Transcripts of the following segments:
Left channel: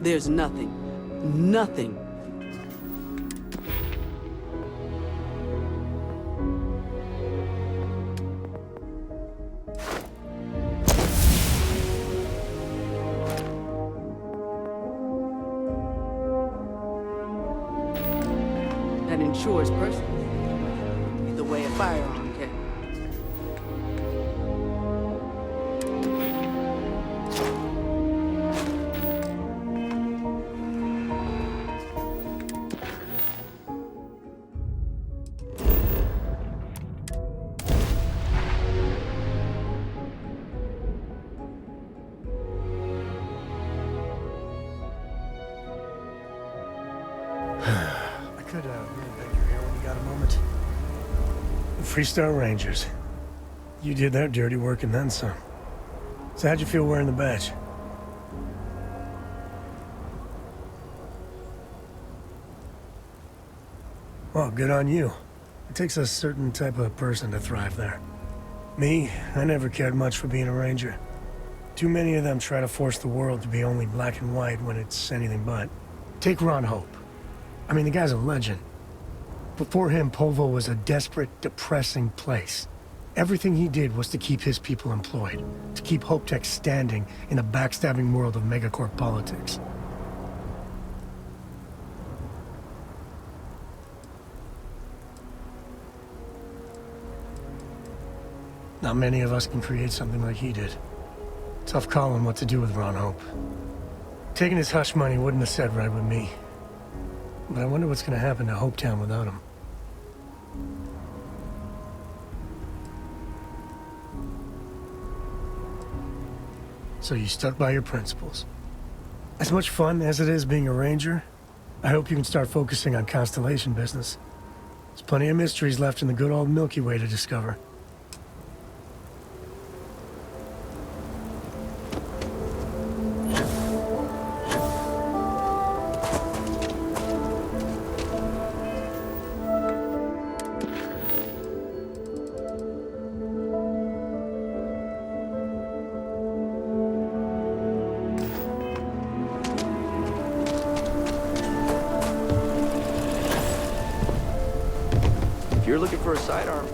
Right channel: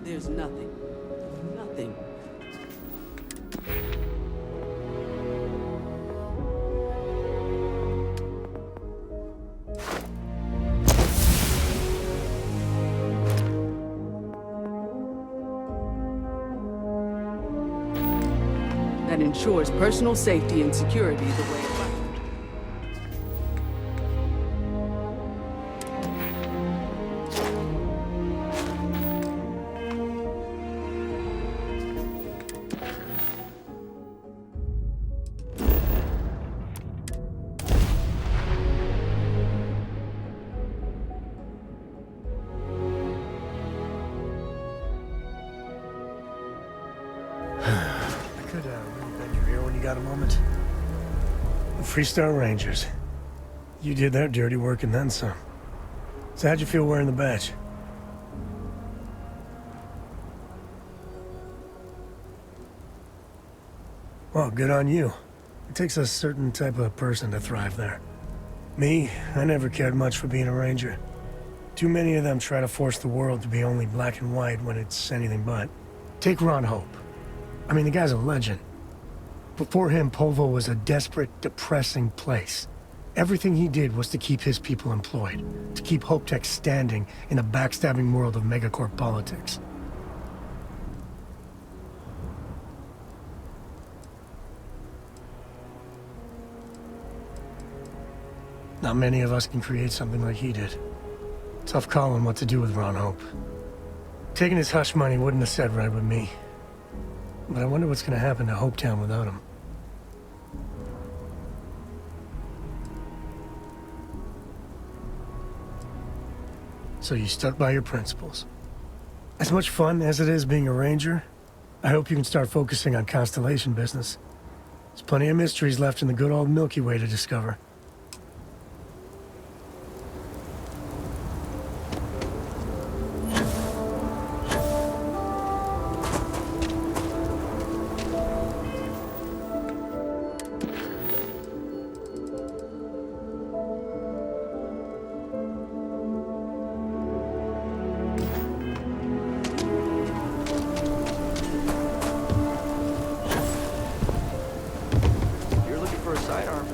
There's nothing. Nothing. That ensures personal safety and security the way a fire engine can. I could really beg your ear when you got a moment. The Freestar Rangers. You did their dirty work and then some. So how'd you feel wearing the badge? Well, good on you. It takes a certain type of person to thrive there. Me, I never cared much for being a ranger. Too many of them try to force the world to be only black and white when it's anything but. Take Ron Hope. I mean, the guy's a legend. Before him, Povo was a desperate, depressing place. Everything he did was to keep his people employed, to keep Hope Tech standing in the backstabbing world of megacorp politics. Not many of us can create something like he did. Tough calling what to do with Ron Hope. Taking his hush money wouldn't have said right with me. But I wonder what's gonna happen to Hopetown without him. So you stuck by your principles. As much fun as it is being a ranger, I hope you can start focusing on Constellation business. There's plenty of mysteries left in the good old Milky Way to discover. You're looking for a sidearm.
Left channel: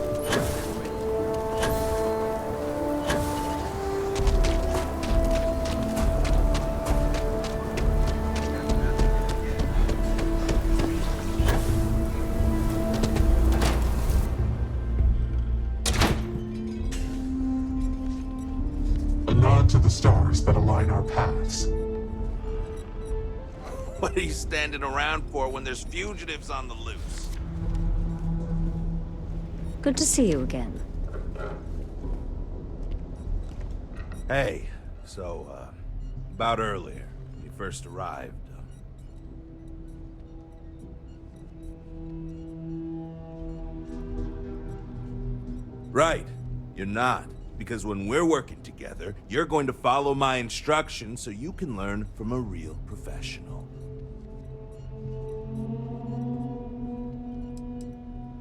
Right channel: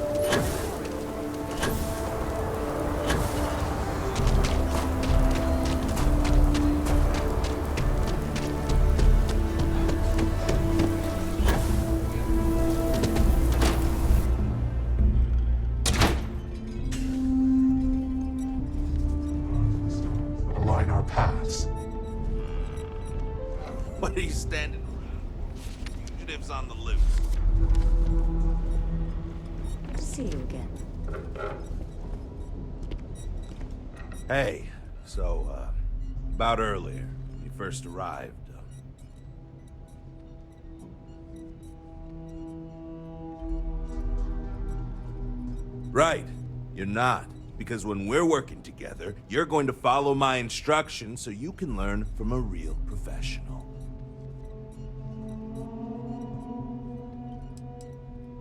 A nod to the stars that align our paths. What are you standing around for when there's fugitives on the loose? Good to see you again. Hey, so, about earlier, when you first arrived, Right, you're not. Because when we're working together, you're going to follow my instructions so you can learn from a real professional.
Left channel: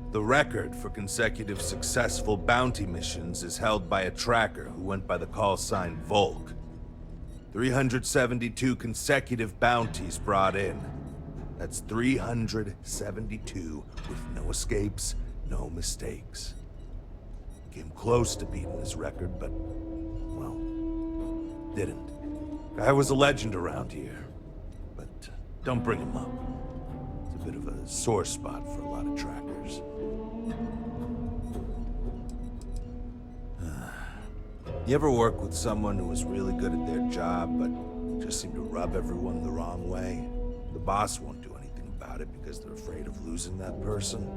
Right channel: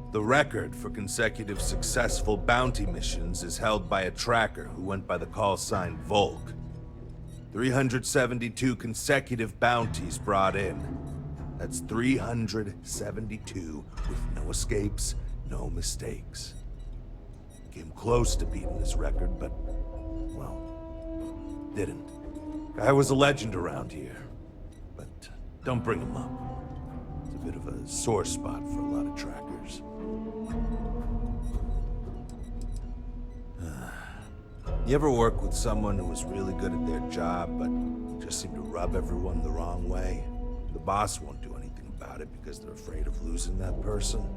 The record for consecutive successful bounty missions is held by a tracker who went by the call sign Volk. 372 consecutive bounties brought in. That's 372 with no escapes, no mistakes. Came close to beating this record, but, well, didn't. Guy was a legend around here, but don't bring him up. It's a bit of a sore spot for a lot of trackers. You ever work with someone who was really good at their job, but just seemed to rub everyone the wrong way? The boss won't do anything about it because they're afraid of losing that person.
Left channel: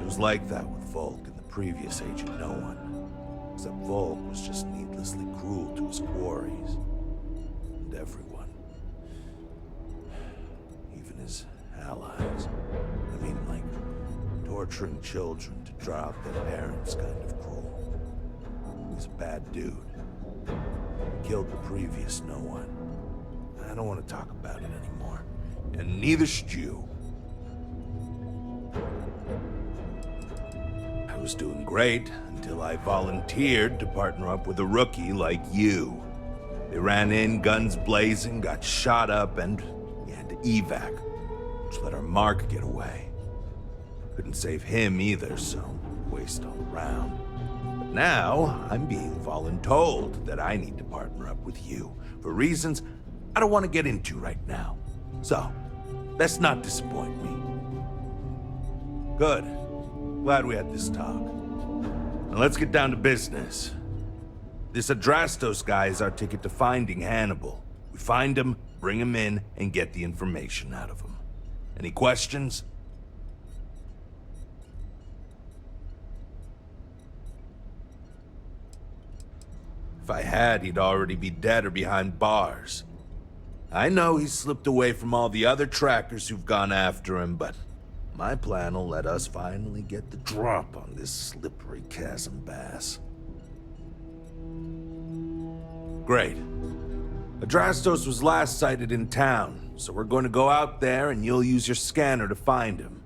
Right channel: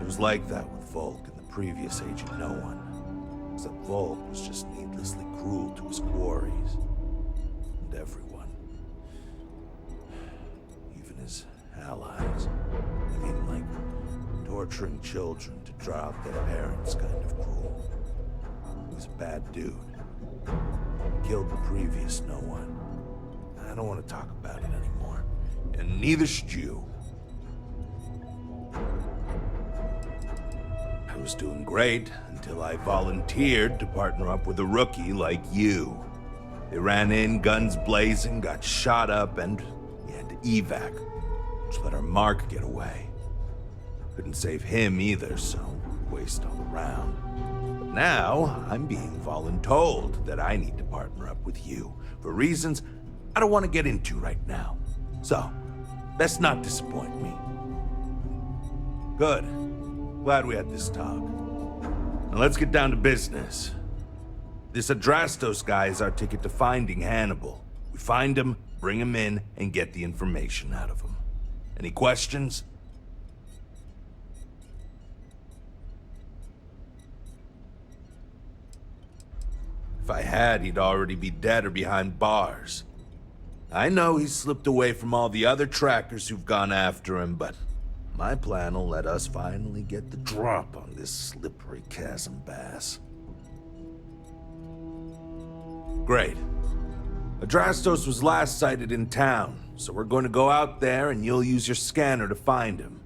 It was like that with Volk and the previous Agent No One. Except Volk was just needlessly cruel to his quarries. And everyone. Even his allies. I mean, like, torturing children to draw out their parents kind of cruel. He was a bad dude. He killed the previous No One. I don't want to talk about it anymore. And neither should you. I was doing great until I volunteered to partner up with a rookie like you. They ran in, guns blazing, got shot up, and we had to evac, which let our Mark get away. Couldn't save him either, so waste all around. But now, I'm being voluntold that I need to partner up with you, for reasons I don't want to get into right now. So, let's not disappoint me. Good. Glad we had this talk. Now let's get down to business. This Adrastos guy is our ticket to finding Hannibal. We find him, bring him in, and get the information out of him. Any questions? If I had, he'd already be dead or behind bars. I know he's slipped away from all the other trackers who've gone after him, but my plan will let us finally get the drop on this slippery chasm bass. Great. Adrastos was last sighted in town, so we're going to go out there and you'll use your scanner to find him.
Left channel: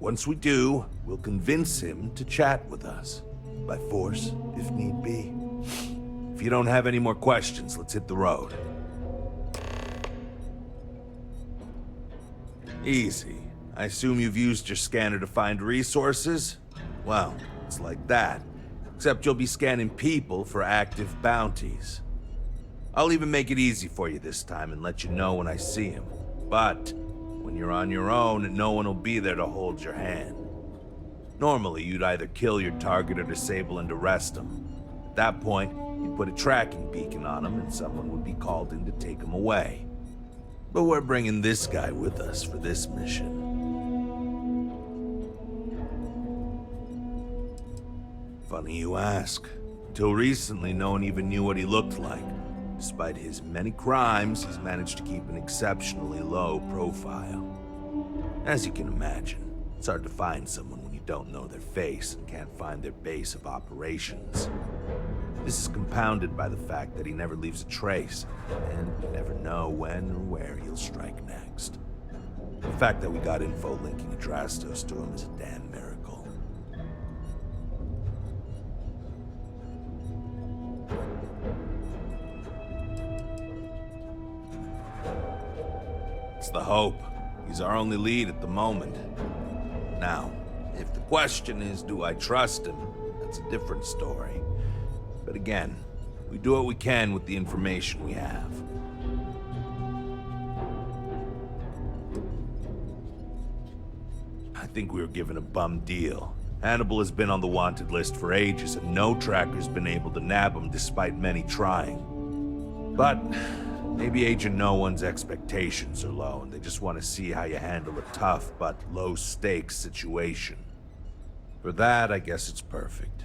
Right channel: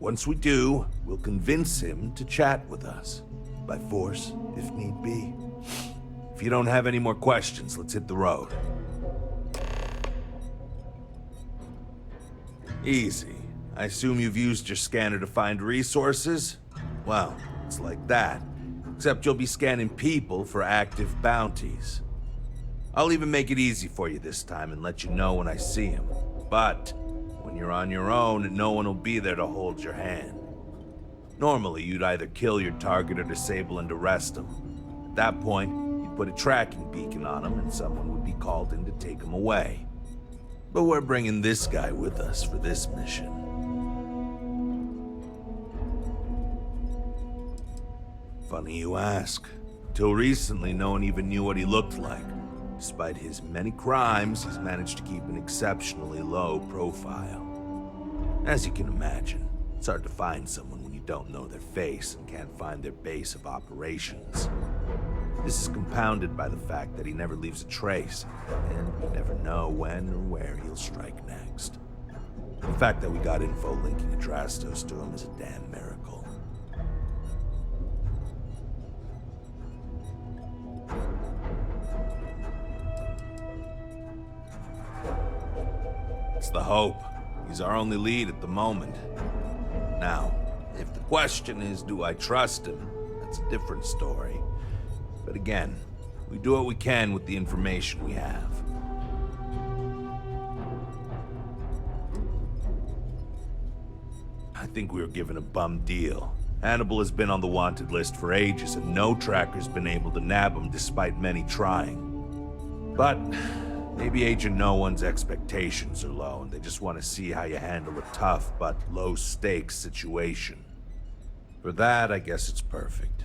Once we do, we'll convince him to chat with us. By force, if need be. If you don't have any more questions, let's hit the road. Easy. I assume you've used your scanner to find resources? Well, it's like that. Except you'll be scanning people for active bounties. I'll even make it easy for you this time and let you know when I see him. But when you're on your own, no one will be there to hold your hand. Normally, you'd either kill your target or disable and arrest him. At that point, you'd put a tracking beacon on him and someone would be called in to take him away. But we're bringing this guy with us for this mission. Funny you ask. Until recently, no one even knew what he looked like. Despite his many crimes, he's managed to keep an exceptionally low profile. As you can imagine, it's hard to find someone when you don't know their face and can't find their base of operations. This is compounded by the fact that he never leaves a trace, and we never know when or where he'll strike next. The fact that we got info linking Adrastos to him is a damn miracle. It's the hope. He's our only lead at the moment. Now, if the question is, do I trust him? That's a different story. But again, we do what we can with the information we have. I think we were given a bum deal. Hannibal has been on the wanted list for ages, and no tracker's been able to nab him despite many trying. But maybe Agent No One's expectations are low, and they just want to see how you handle a tough but low-stakes situation. For that, I guess it's perfect.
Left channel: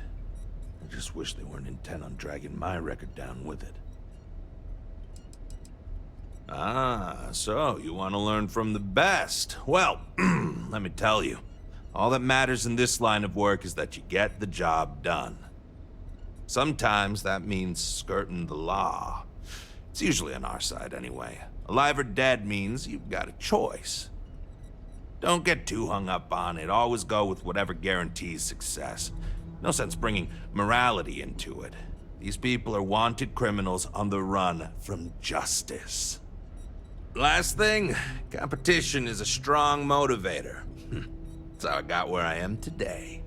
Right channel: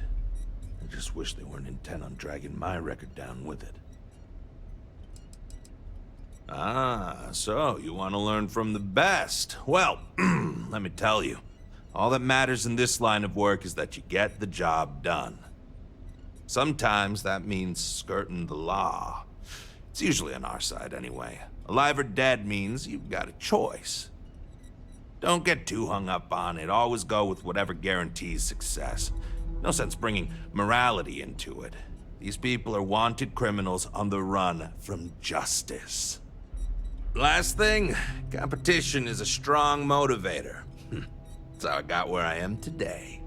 I just wish they weren't intent on dragging my record down with it. Ah, so you want to learn from the best. Well, let me tell you, all that matters in this line of work is that you get the job done. Sometimes that means skirting the law. It's usually on our side anyway. Alive or dead means you've got a choice. Don't get too hung up on it. Always go with whatever guarantees success. No sense bringing morality into it. These people are wanted criminals on the run from justice. Last thing, competition is a strong motivator. That's how I got where I am today.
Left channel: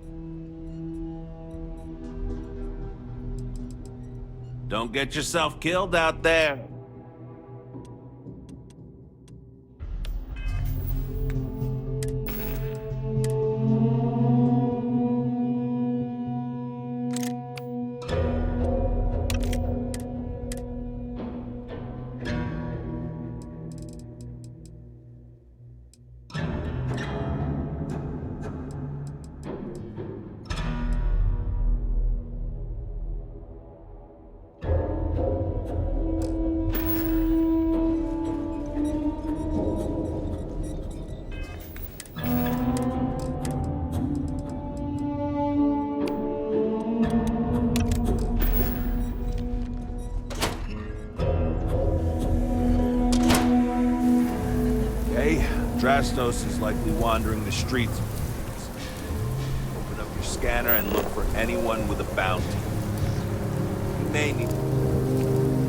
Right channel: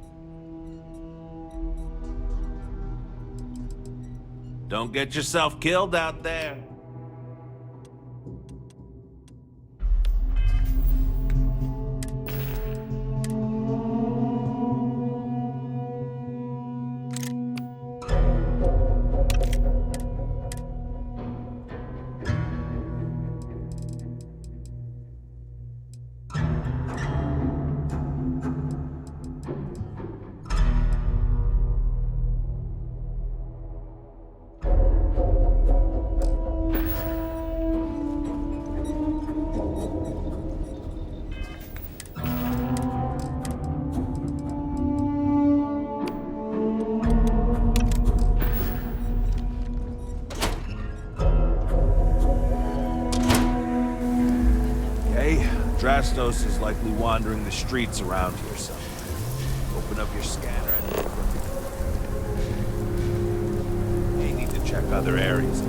Don't get yourself killed out there. Adrastos is likely wandering the streets around here somewhere. Open up your scanner and look for anyone with a bounty. You may need to check other areas.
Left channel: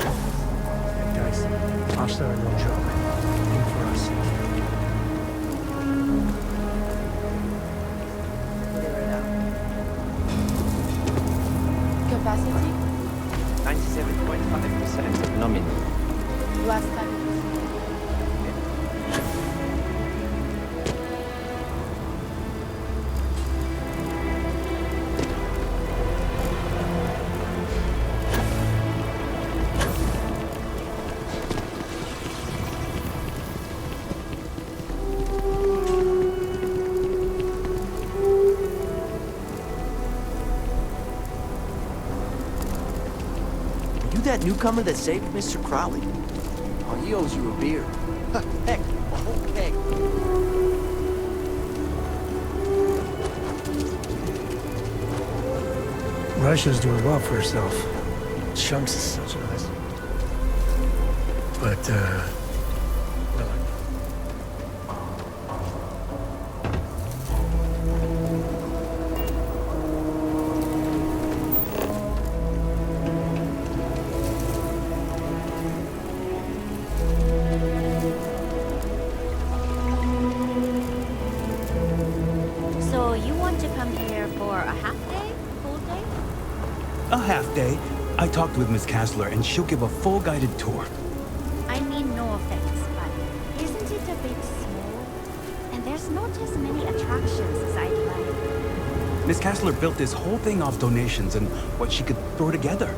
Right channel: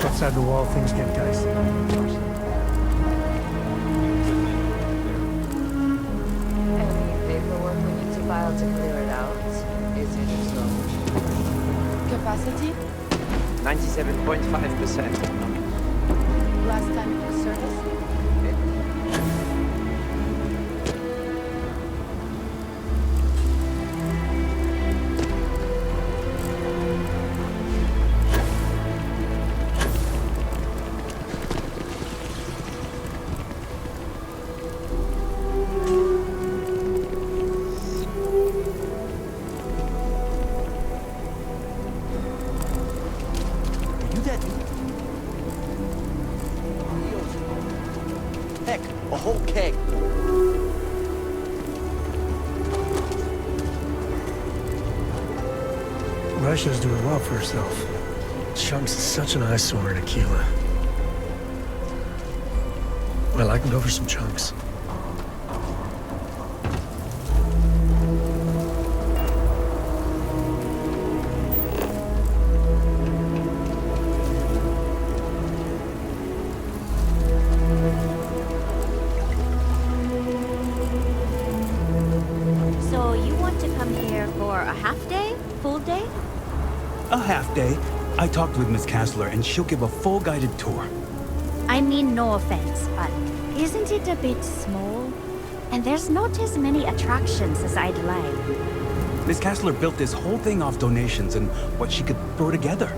Outside the wall, things get dicey. Tosh there no joke. Paperwork we need to file to clear it out. Capacity? 97.5% nominal. Last time it was serviced. That newcomer that saved Mr. Crowley? Oh, he owes you a beer. Heck, a whole keg. Russia's doing well for herself. Chunks is such an eyesore in tequila. But, well, I can go for some chunks. So you want to come here for a half day? Full day? A half day. I talked with Miss Kassler, and she'll give a full guided tour. I mean, no offense, but isn't it a bit small? And there's not as many attractions as I'd like. Miss Kassler built this whole thing off donations and what she could throw together.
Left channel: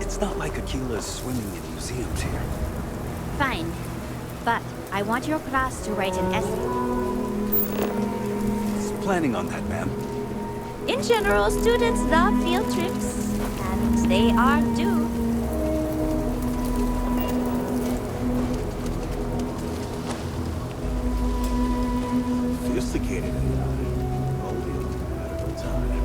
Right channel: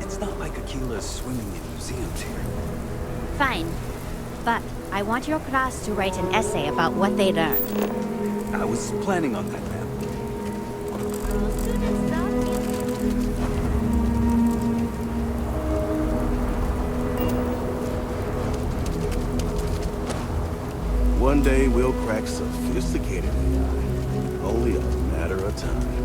It's not like Akila's swimming in museums here. Fine. But I want your class to write an essay about what they learned. I was planning on that, ma'am. In general, students love field trips, and they are too. One day we'll crack sophisticated AI. Only a matter of time.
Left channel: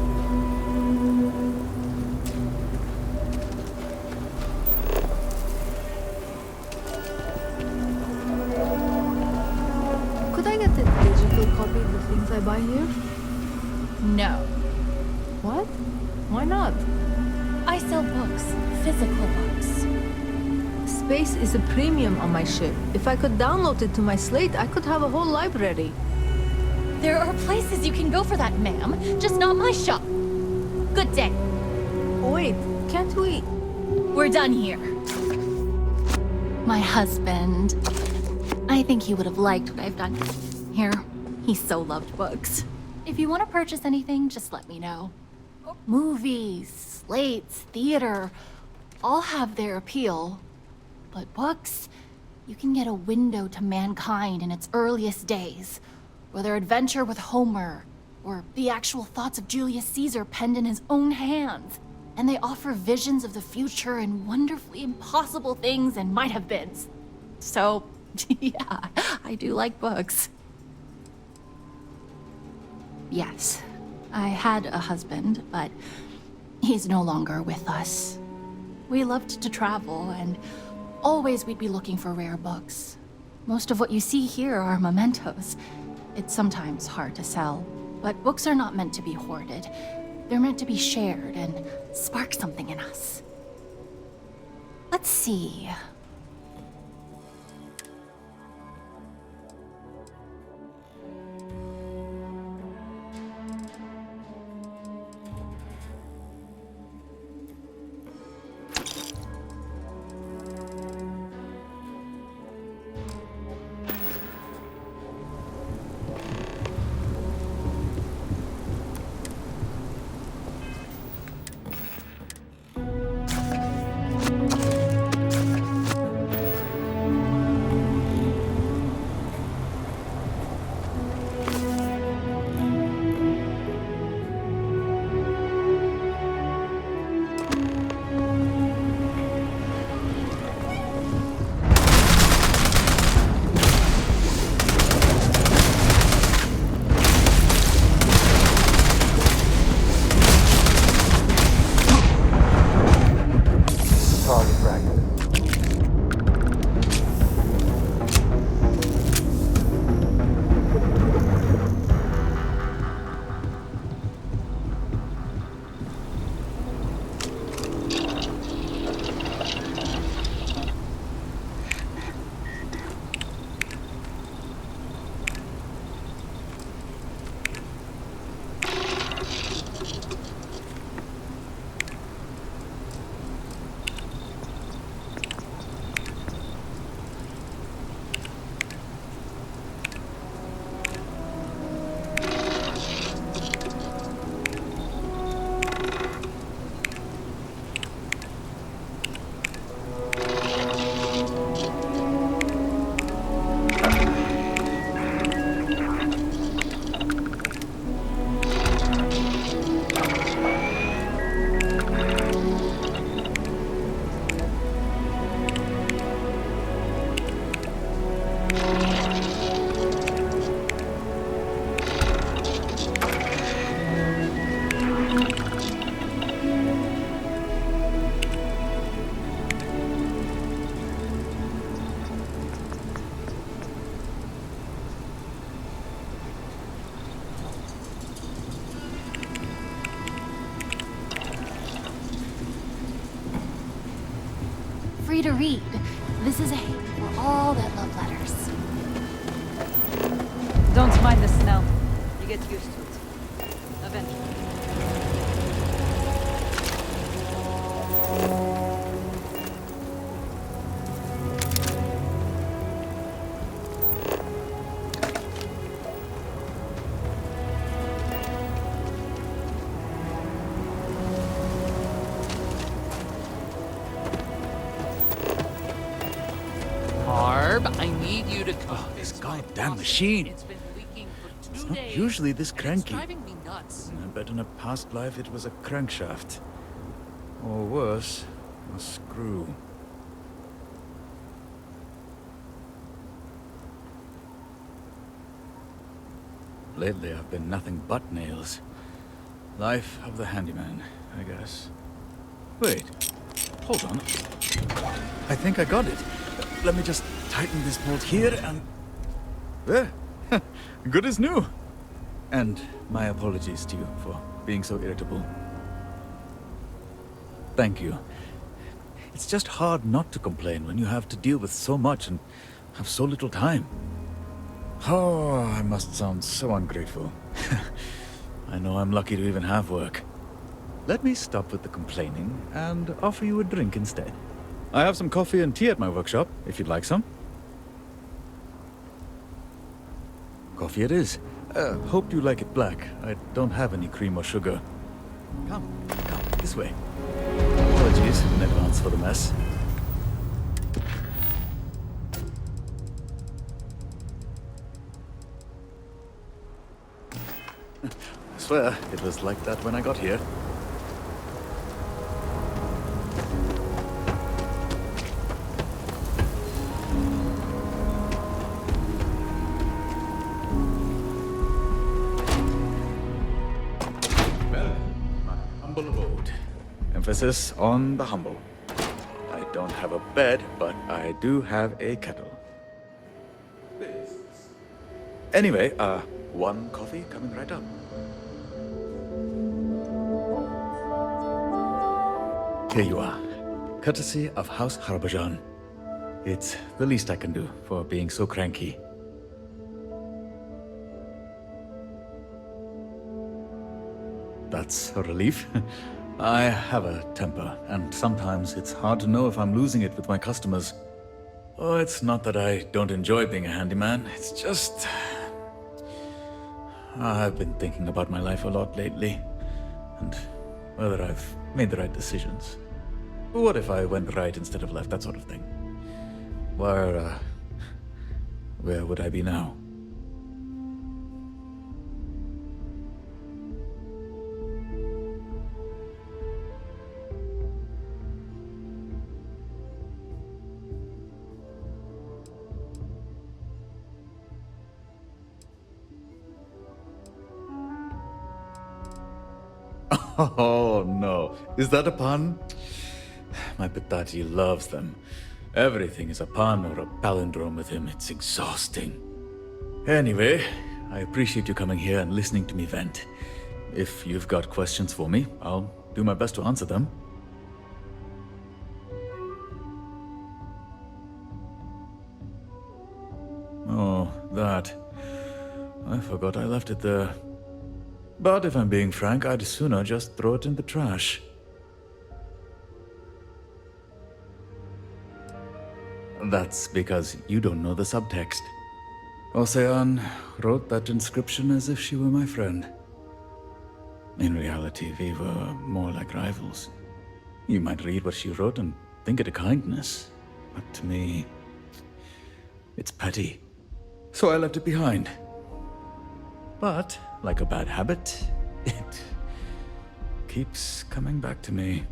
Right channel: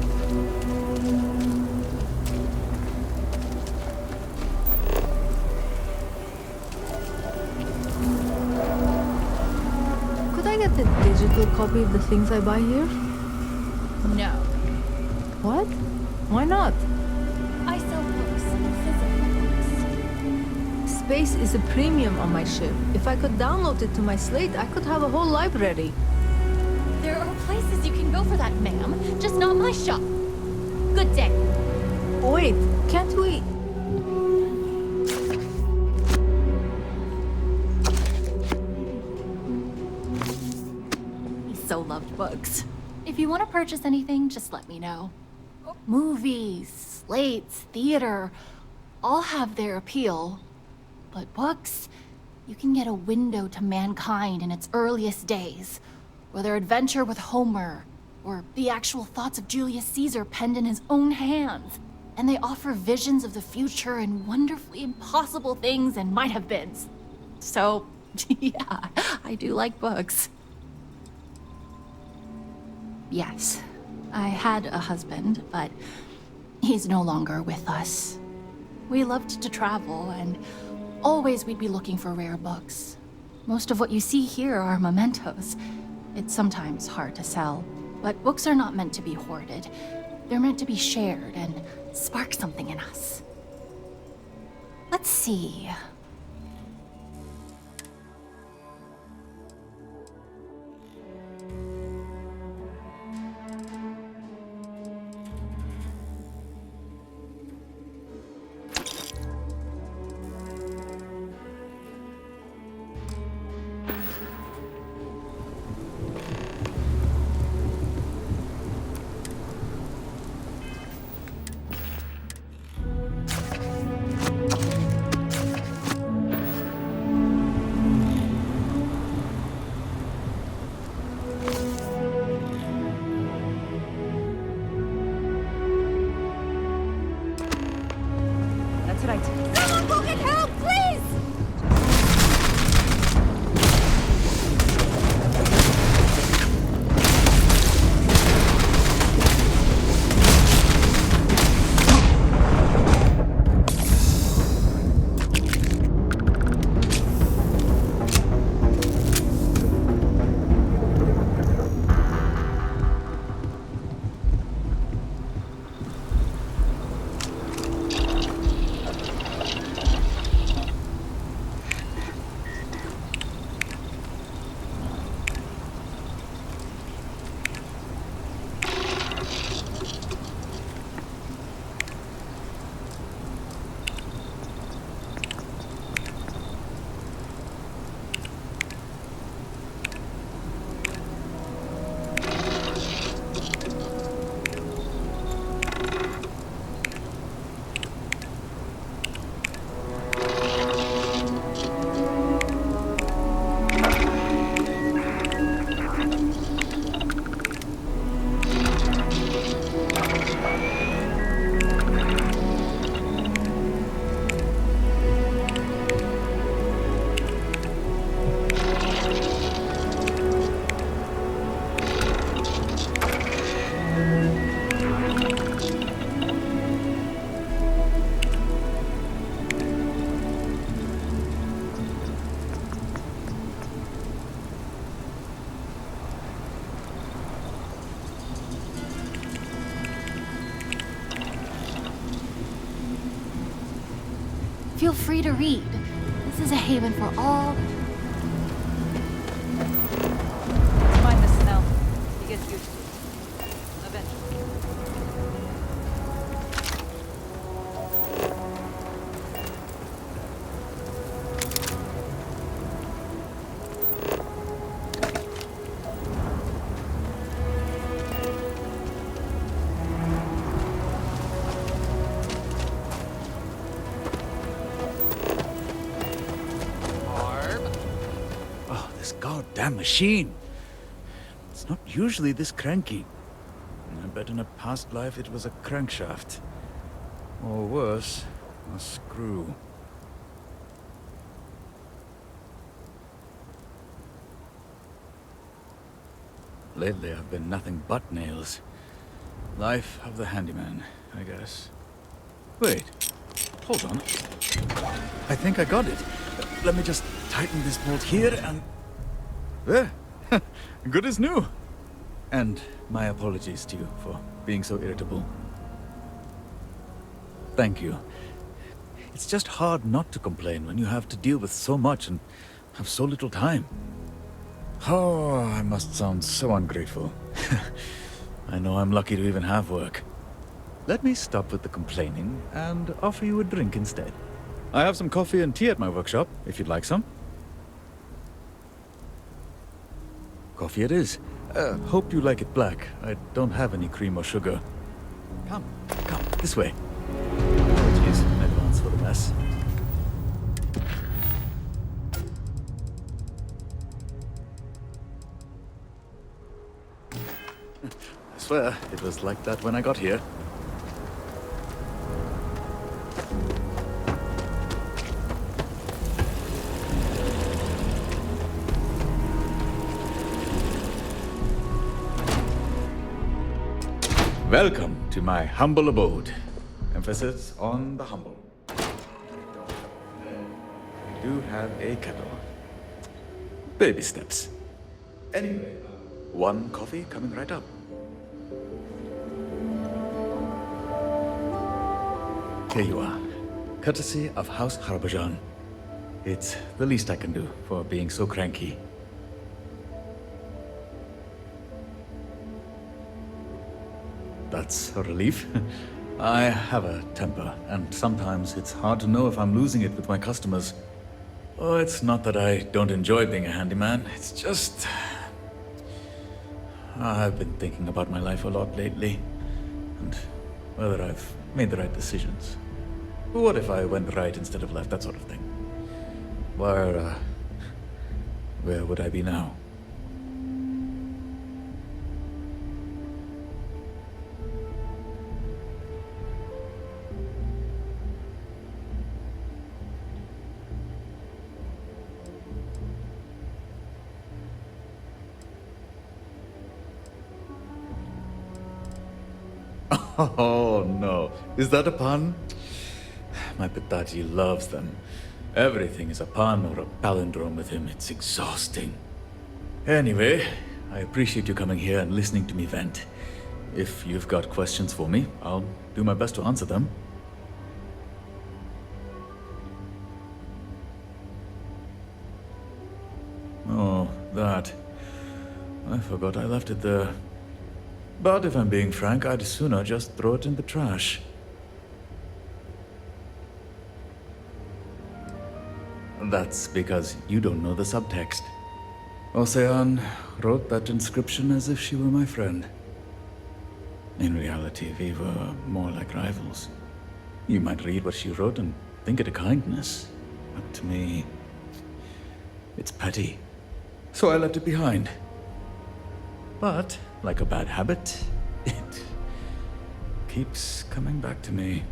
Could I get a digital copy of the things I buy here? No. What? Why not? I sell books, physical books. Space is a premium on my ship. If I could download it to my slate, I could have a whole library. There are places you can go for that, ma'am. Just not my shop. Good day. Wait, can't we? We're done here. My husband. I think he would have liked what I've done here. He so loved books. If you want to purchase anything, just let me know. Movies, slates, theater, all have their appeal. But books, you can get a window to mankind in its earliest days. Whether adventure with Homer, or the actual thoughts of Julius Caesar penned in his own hands. And they offer visions of the future and wonderfully impossible things and might-have-beens. So, yeah, I do like books. Yes, I had a husband, but he's no longer with us. We loved to travel, and always we'd be looking for rare books. Most of what you see here are mementos. It's sometimes hard to sell, but books are not meant to be hoarded. They're meant to be shared and spark something in us. Let's see. Feel free to read. This is a haven for all that love letters. Don't mind the smell. You get used to it. Eventually. Oh, this goddamn machine. It's not usually this cranky. I bet in a past life it was a crankshaft. Or worse, a screw. Lately I've been nothing but nails. Life of the handyman, I guess. Wait, hold on. I think I got it. Let me just tighten this bolt here and... There! Good as new! And my apologies to you for being so irritable. Thank you. It's just hard not to complain when you have to deal with so much and have so little time. Oh, I must sound so ungrateful. I know I'm lucky to even have work. Let me stop with the complaining and offer you a drink instead. I have some coffee and tea at my workshop, if you'd like some. Coffee it is. Hope you like it black. I don't have any cream or sugar. Come, this way. Apologies in advance for the mess. I swear, it was like that when I got here. Welcome to my humble abode. Emphasis on the humble. I don't have a bed, but I do have a kettle. Baby steps. Anyway, one coffee coming right up. Here you are. Courtesy of House Harbajan. It's the least I can do for being so cranky. That's a relief. I have a temper, and sometimes it's hard to know if I'm losing it with my customers. Oh, it's not that I don't enjoy being a handyman, it's just... I've been thinking about my life a lot lately, and whether I've made the right decisions. What if I went right instead of left, that sort of thing? Where would I be now? Oh, no. Is that a pun? My Pitaji loves them. Everything is a pun or a palindrome with him. It's exhausting. Anyway, I appreciate you coming here and listening to me vent. If you've got questions for me, I'll do my best to answer them. Oh, that. I forgot I left it there. But if I'm being frank, I'd sooner just throw it in the trash. That's because you don't know the subtext. Ocean wrote that inscription as if she were my friend. In reality, we were more like rivals. You might read what she wrote and think it a kindness, but to me, it's petty. So I left it behind. But, like a bad habit, it keeps coming back to me.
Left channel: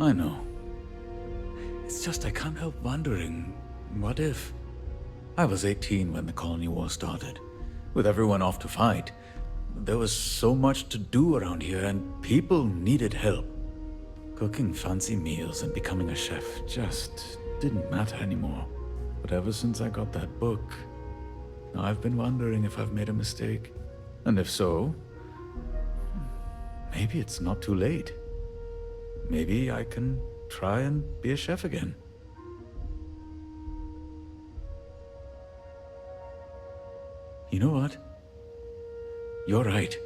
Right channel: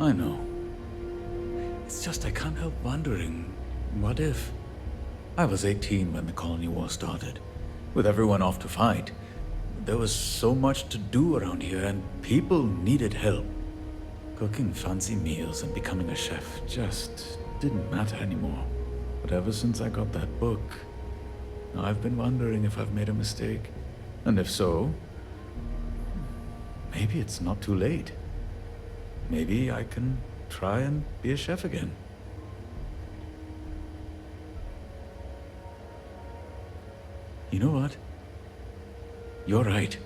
I know. It's just I can't help wondering, what if? I was 18 when the colony war started, with everyone off to fight. There was so much to do around here, and people needed help. Cooking fancy meals and becoming a chef just didn't matter anymore. But ever since I got that book, I've been wondering if I've made a mistake. And if so, maybe it's not too late. Maybe I can try and be a chef again. You know what? You're right.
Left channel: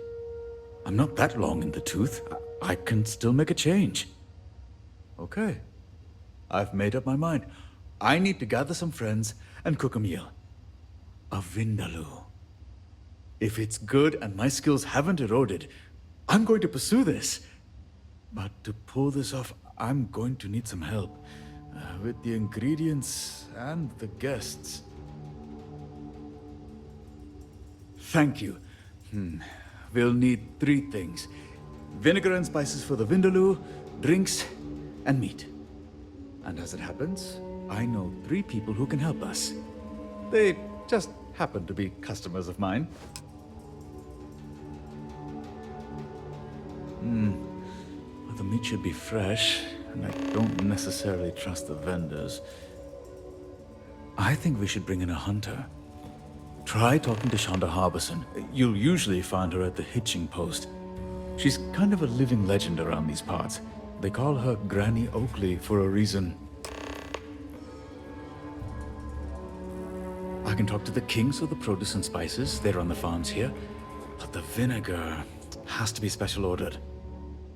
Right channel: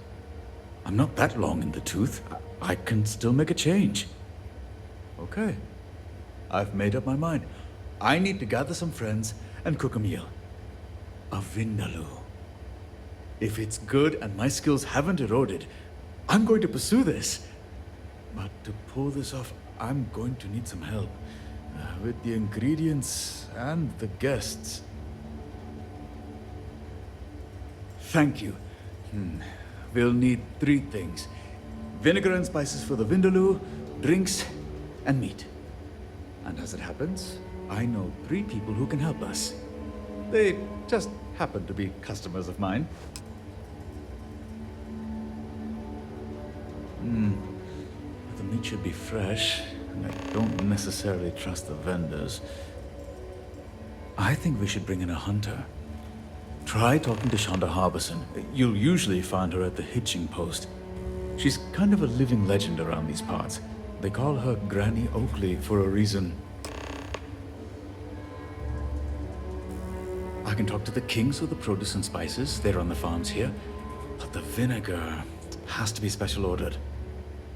I'm not that long in the tooth. I can still make a change. Okay. I've made up my mind. I need to gather some friends and cook a meal. A vindaloo. If it's good and my skills haven't eroded, I'm going to pursue this. But to pull this off, I'm going to need some help. With the ingredients and the guests. Thank you. We'll need 3 things. Vinegar and spices for the vindaloo, drinks, and meat. And as it happens, I know 3 people who can help us. They just happen to be customers of mine. The meat should be fresh, and I don't necessarily trust the vendors. I think we should bring in a hunter. Try talking to Shonda Harbison. You'll usually find her at the hitching post. She's kind of a living legend around these parts. They call her Granny Oakley for a reason. I can talk to the kings of the produce and spices. They run the farms here. But the vinegar has to be special ordered.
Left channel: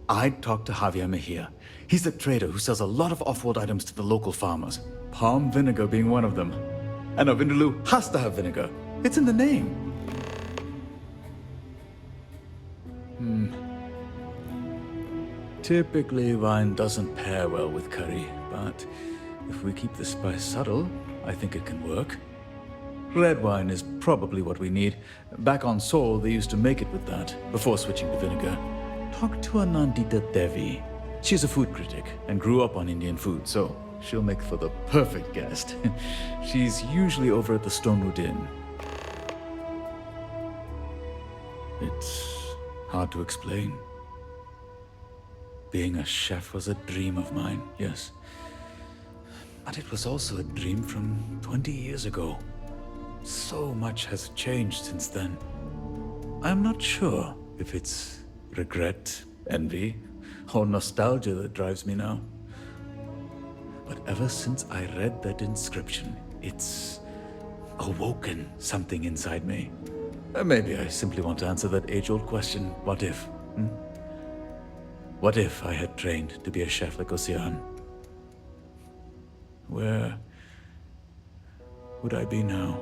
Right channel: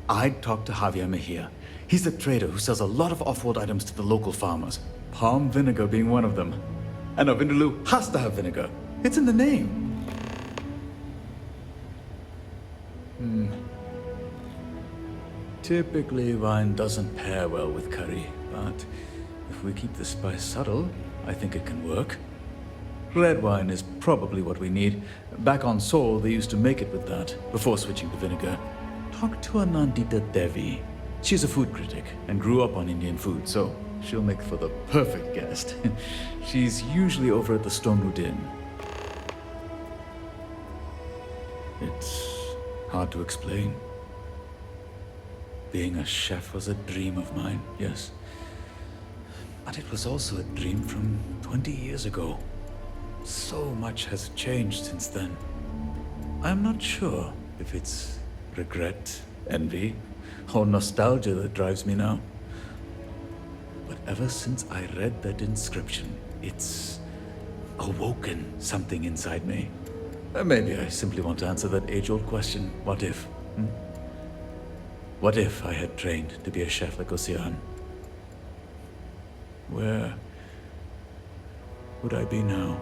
I'd talk to Javier Mejia. He's the trader who sells a lot of off-world items to the local farmers. Palm vinegar being one of them. And a vindaloo has to have vinegar. It's in the name. Typically, wine doesn't pair well with curry, but if we keep the spice subtle, I think it can work. Red wine is probably what we need. Back on Sol, they used to make it with that, before switching to vinegar. Talk to Anandita Devi. She's a food critic and grew up on Indian food, so she'll make for the perfect guest. She's usually over at the Stone Root Inn. It's hard to explain. Being a chef was a dream of mine, yes. But it was also a dream from 20 years ago. So much has changed since then. I'm not sure if it's regret, envy, or nostalgia that drives me now. But ever since I read that inscription, it's awoken something inside me. Maybe I simply want to answer that age-old question, what if? What if I had trained to be a chef like Ocean? Where would I be now?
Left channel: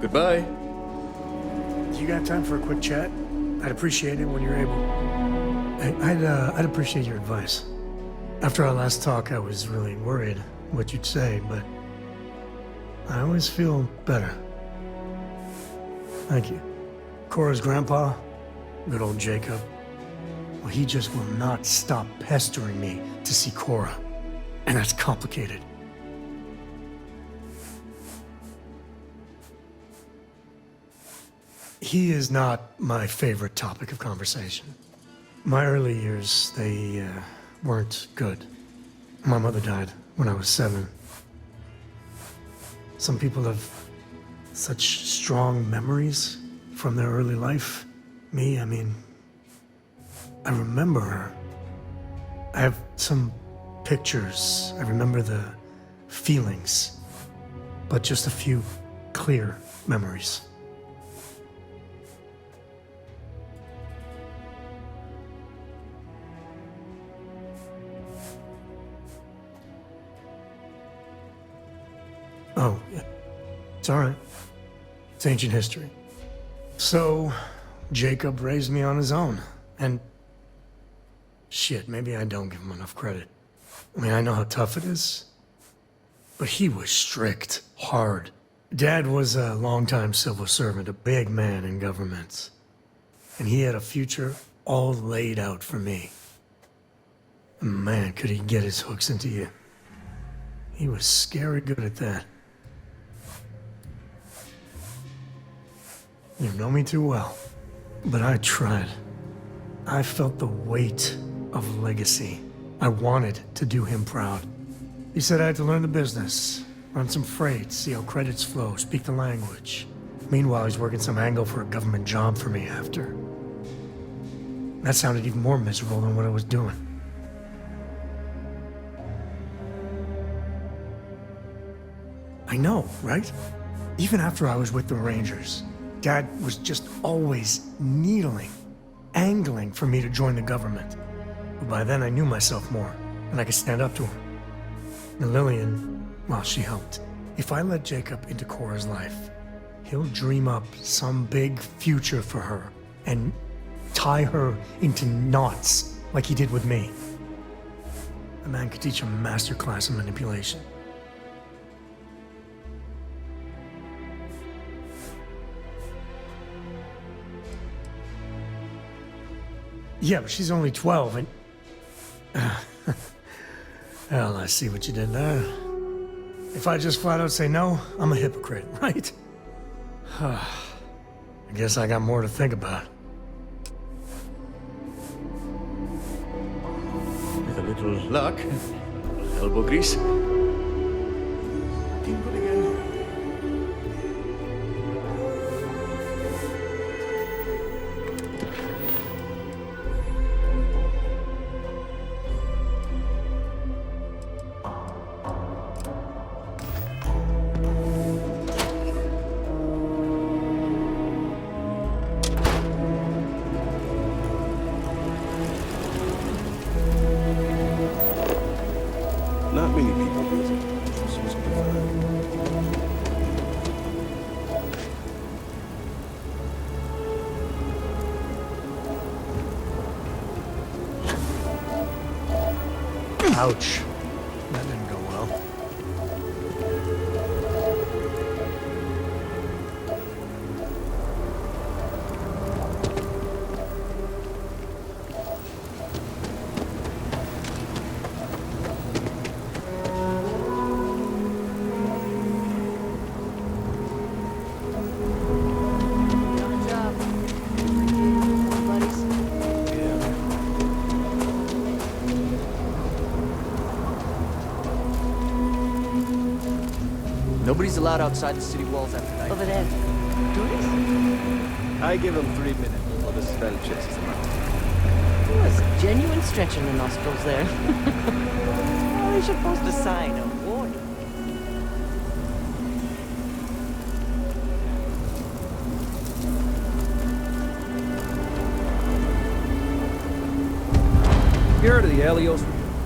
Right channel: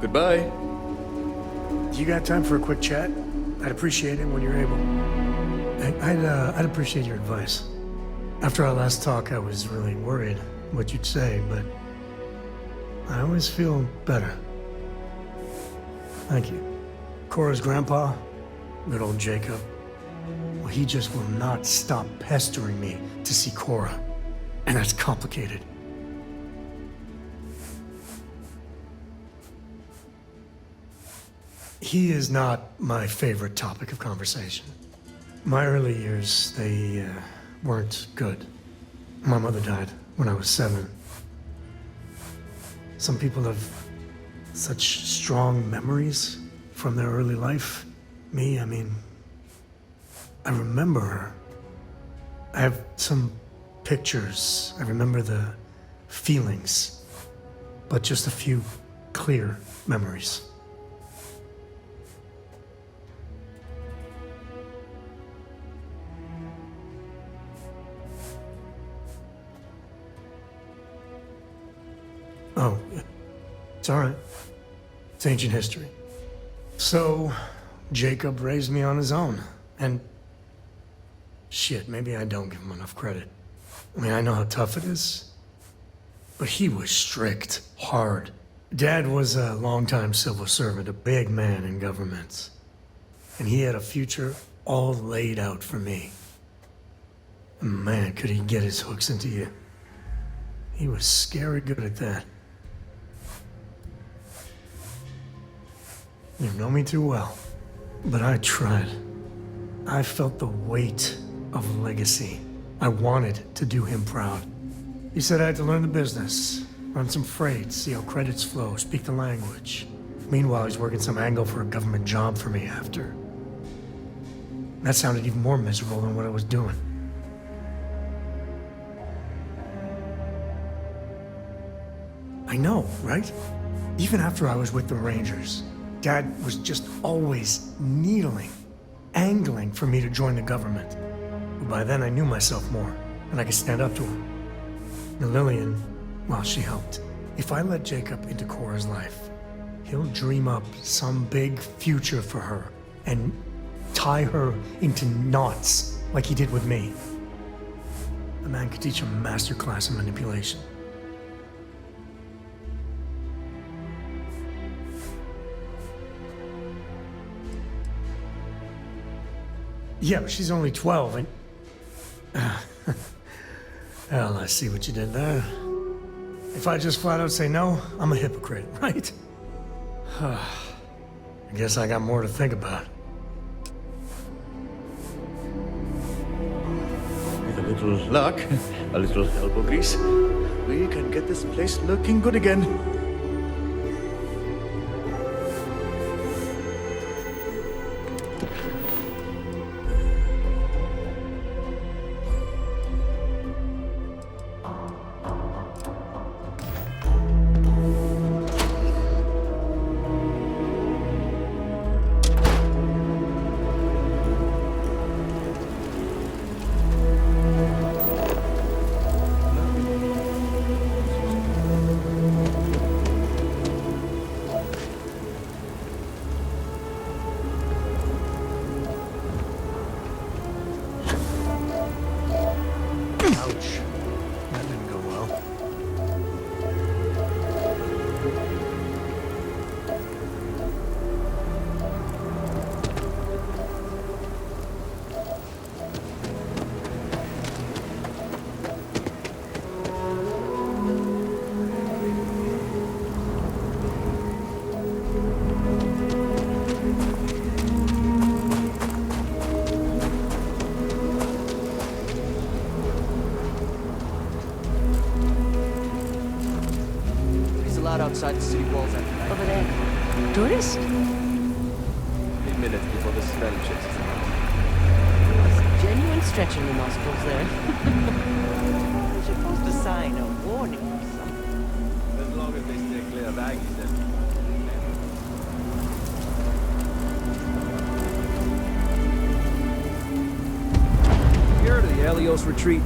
Goodbye. You got time for a quick chat? I'd appreciate it when you're able. I'd appreciate your advice. After our last talk, I was really worried what you'd say, but I always feel better. Thank you. Cora's grandpa, good old Jacob, well, he just will not stop pestering me to see Cora. And that's complicated. He is not my favorite topic of conversation. My early years, they weren't good. My mother died when I was 7. Some people have such strong memories from their early life. Me, I mean, I remember her. I have some pictures. I remember the feelings, but just a few clear memories. Oh, yeah. It's all right. It's ancient history. So, Jacob raised me on his own, and shit, maybe I don't give him enough credit. I mean, I know how tough it is, but he was strict, hard. Dad was a longtime civil servant, a big man in government, and he had a future all laid out for me. And man, could he get his hooks into you. He was scary good at that. You know me too well, but I tried. I felt the weight of legacy. I wanted to do him proud. He said I had to learn the business, run some freight, see how credits flow, speak the language. Meanwhile, he's working some angle for a government job for me after. That sounded even more miserable than what I was doing. I know, right? Even after I was with the Rangers, Dad was just always needling, angling for me to join the government. But by then I knew myself more, and I could stand up to him. And Lillian, well, she helped. If I let Jacob into Cora's life, he'll dream up some big future for her and tie her into knots like he did with me. The man could teach a master class in manipulation. Yeah, but she's only 12 and... Well, I see what you did there. If I just flat out say no, I'm a hypocrite, right? I guess I got more to think about. With a little luck, a little elbow grease, we can get this place looking good again. Not many people do. Ouch. That didn't go well. Nobody's allowed outside the city walls after night. Over there. Tourists? I give them 3 minutes before the smell chases them out. There was genuine stretch in the nostrils there. Well, you're supposed to sign a warning. You heard of the Helios Retreat?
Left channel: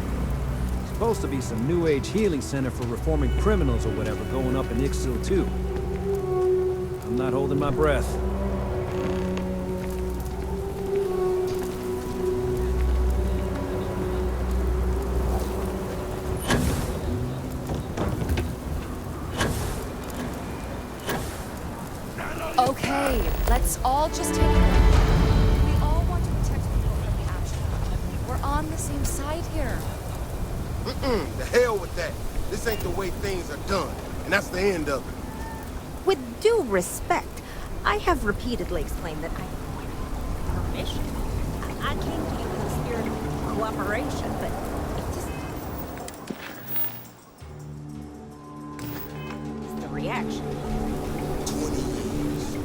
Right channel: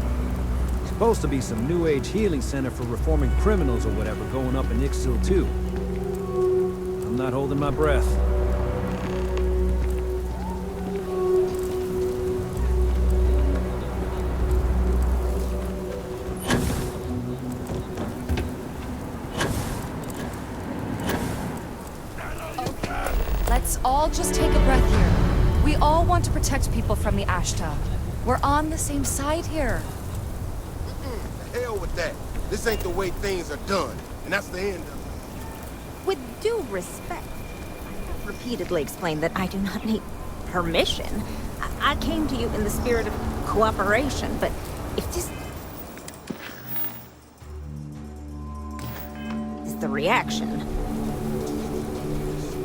Supposed to be some new age healing center for reforming criminals or whatever going up in Ixil too. I'm not holding my breath. Okay, let's all just take a breath here. We all want to protect people from the Ashta. We're on the same side here. The hell with that. This ain't the way things are done, and that's the end of it. With due respect, I have repeatedly explained that I do not need permission. I came to you in the spirit of cooperation, but if this is the reaction... 20 years,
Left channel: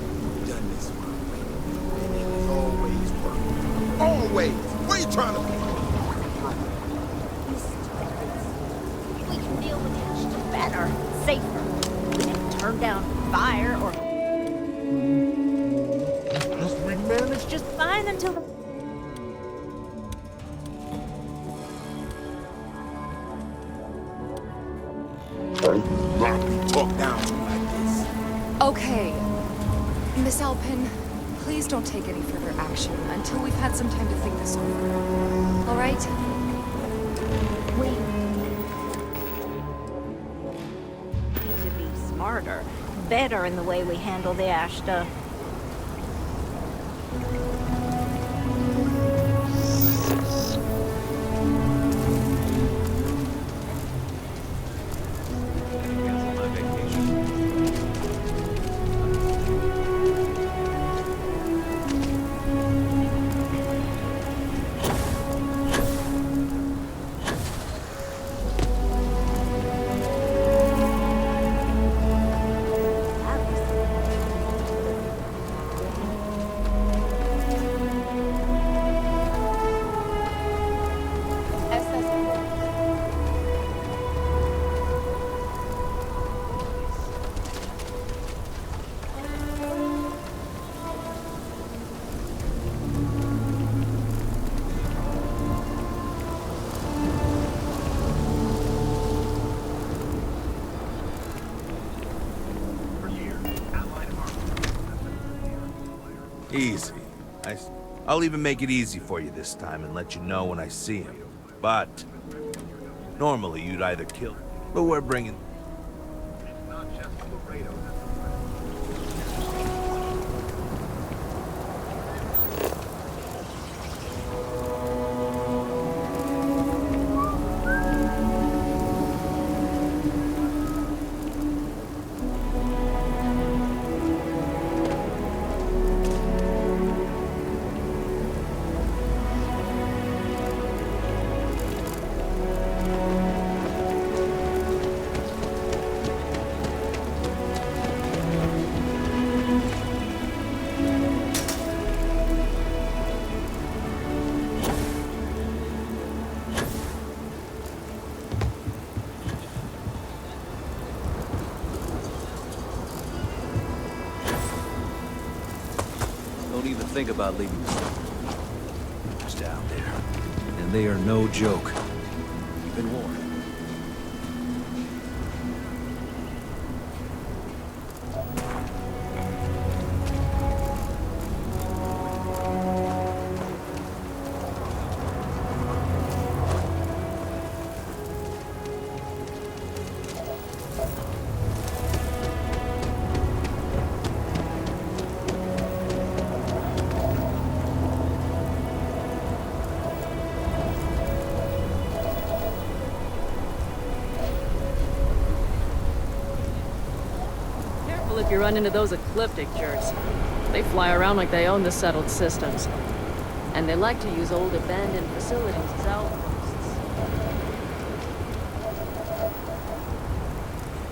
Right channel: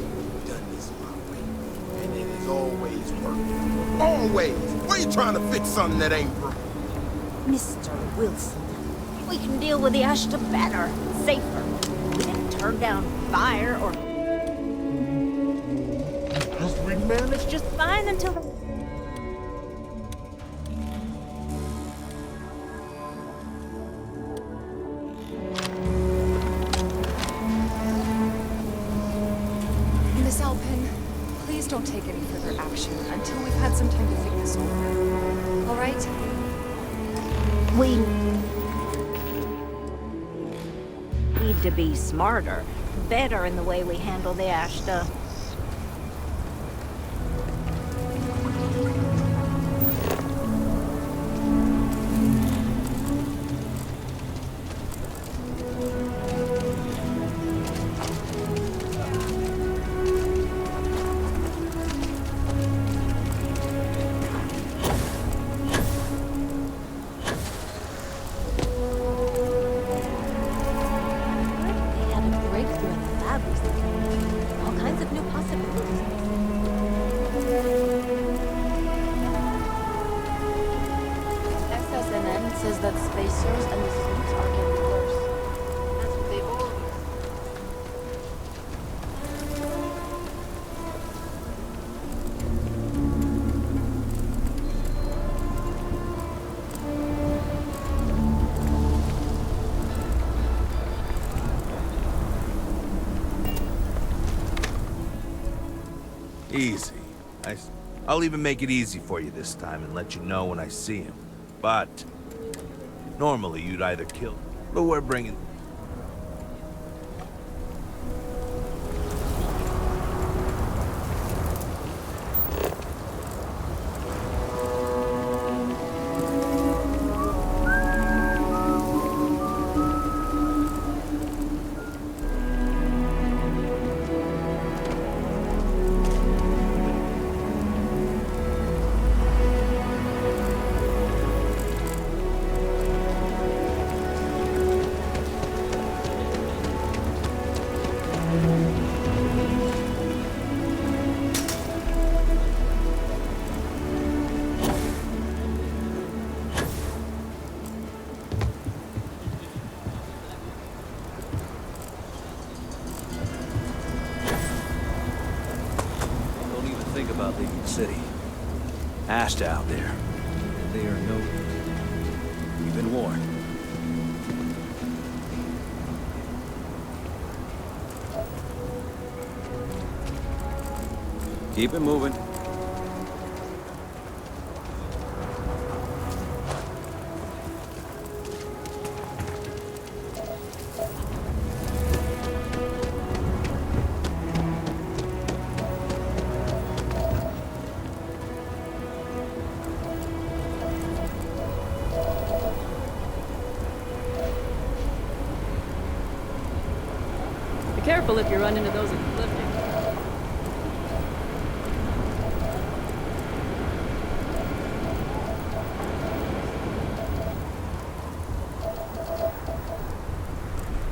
done this my way, and it has always worked. Always! Why you trying to fix something that ain't broke? Mr. Wilson, we can deal with the Ashta better, safer. We didn't turn down fire or... We managed just fine until the... Okay. Miss Alpin, please don't take any further action until we've had some time to think this over. All right? We need to be smarter, better in the way we handle the Ashta. Easy. I'll even make it easy for you this time and let you know when I see him. But normally you'd either kill, but we're bringing... Don't even think about leaving the city. Ashed out there, and they are no joke. You've been warned. Keep it moving. Be careful if you run into those ecliptic jerks. They fly around like they own the settled systems. And they like to use old abandoned facilities as outposts.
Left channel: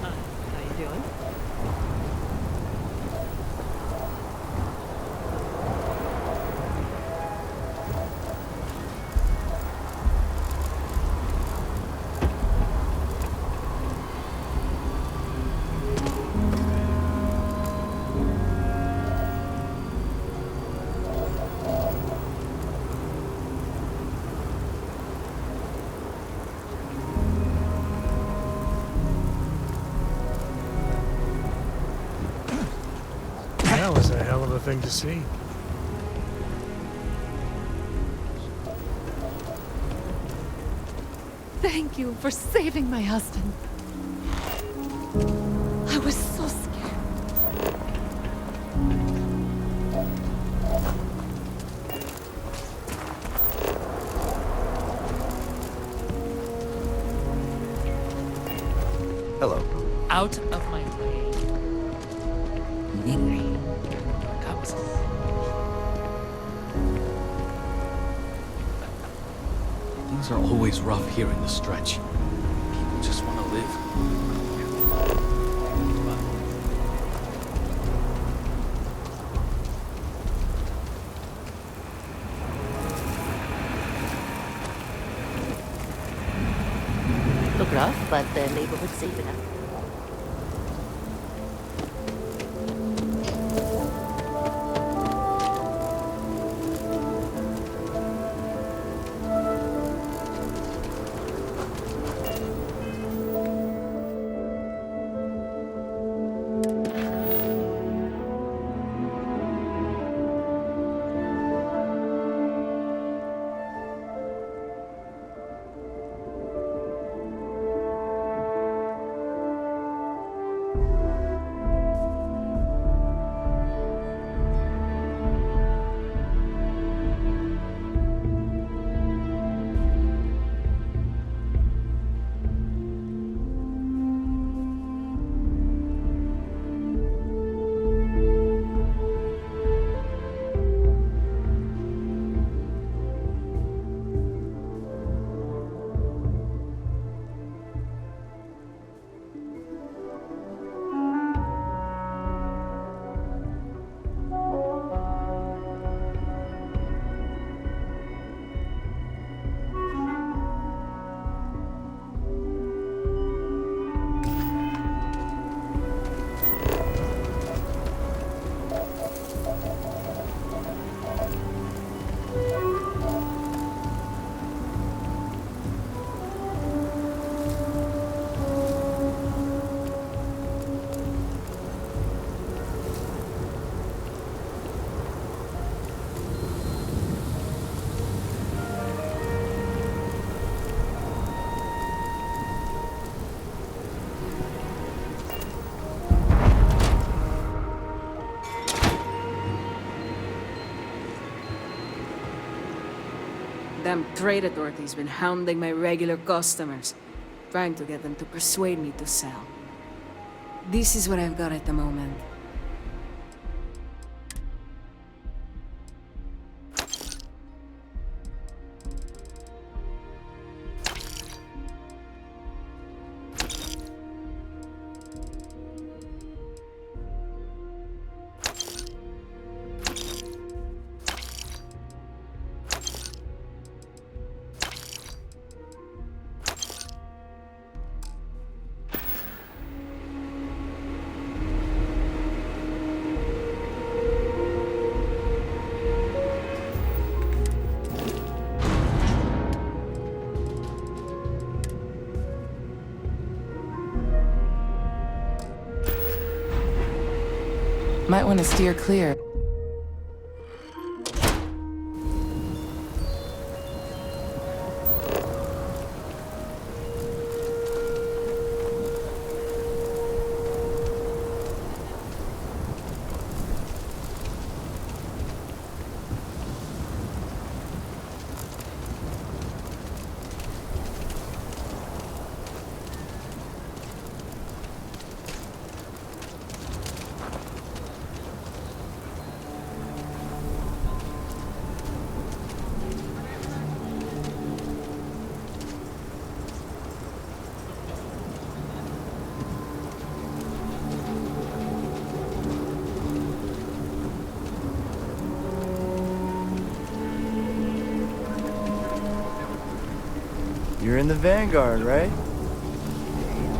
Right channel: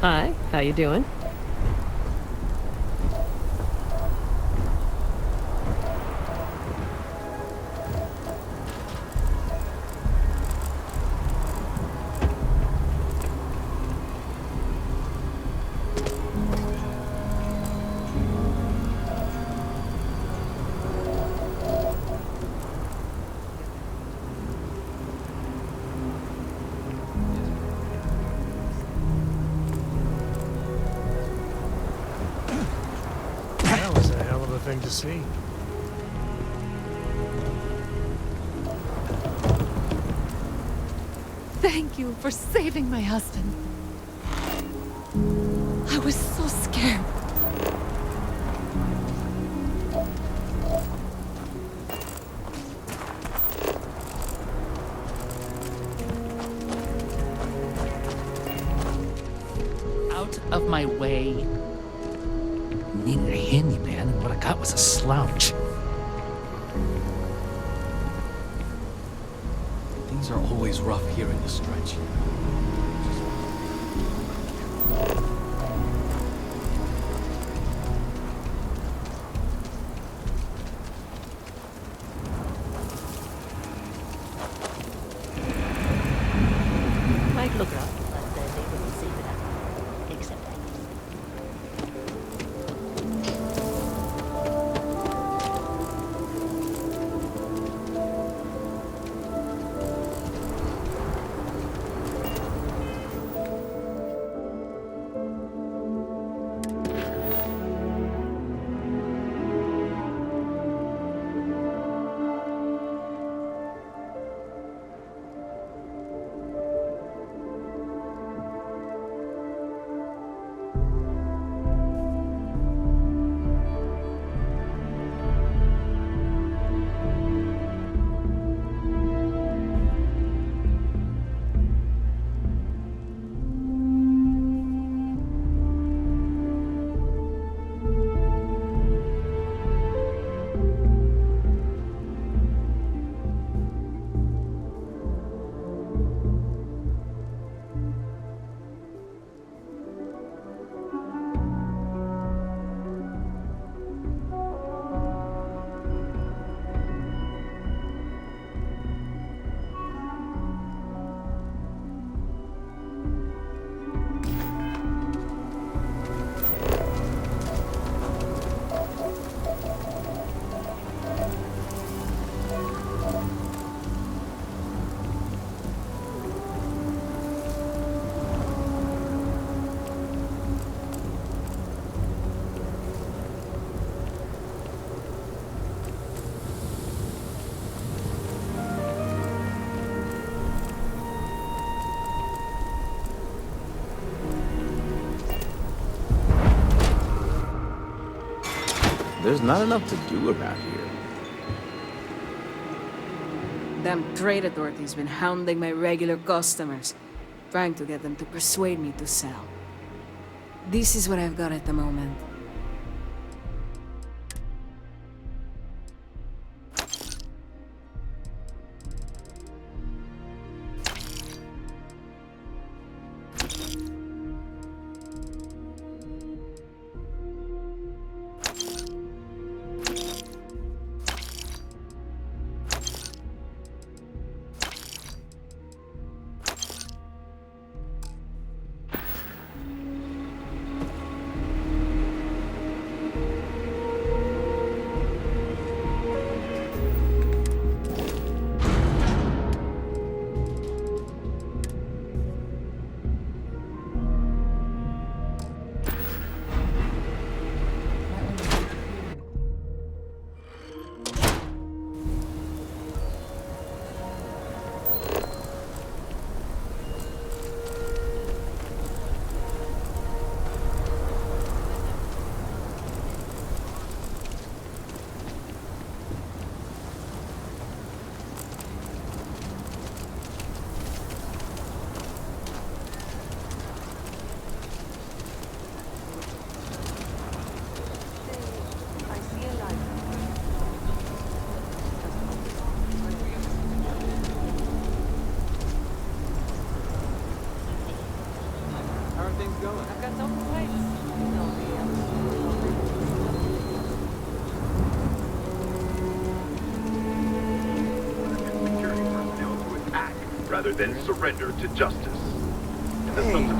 Hi, how you doing? That was a hell of a thing to see. Thank you for saving my husband. I was so scared. Hello. Out of my way. Needed a handyman, and what I got was a slouch. Things are always rough here in the stretch. Just want to live. Might look rough, but the neighborhood's safe enough. Except there's not enough to do around here. Them trade authorities been hounding my regular customers, trying to get them to persuade me to sell. This is what I've got at the moment. Might want to steer clear. You're in the Vanguard, right? Hey.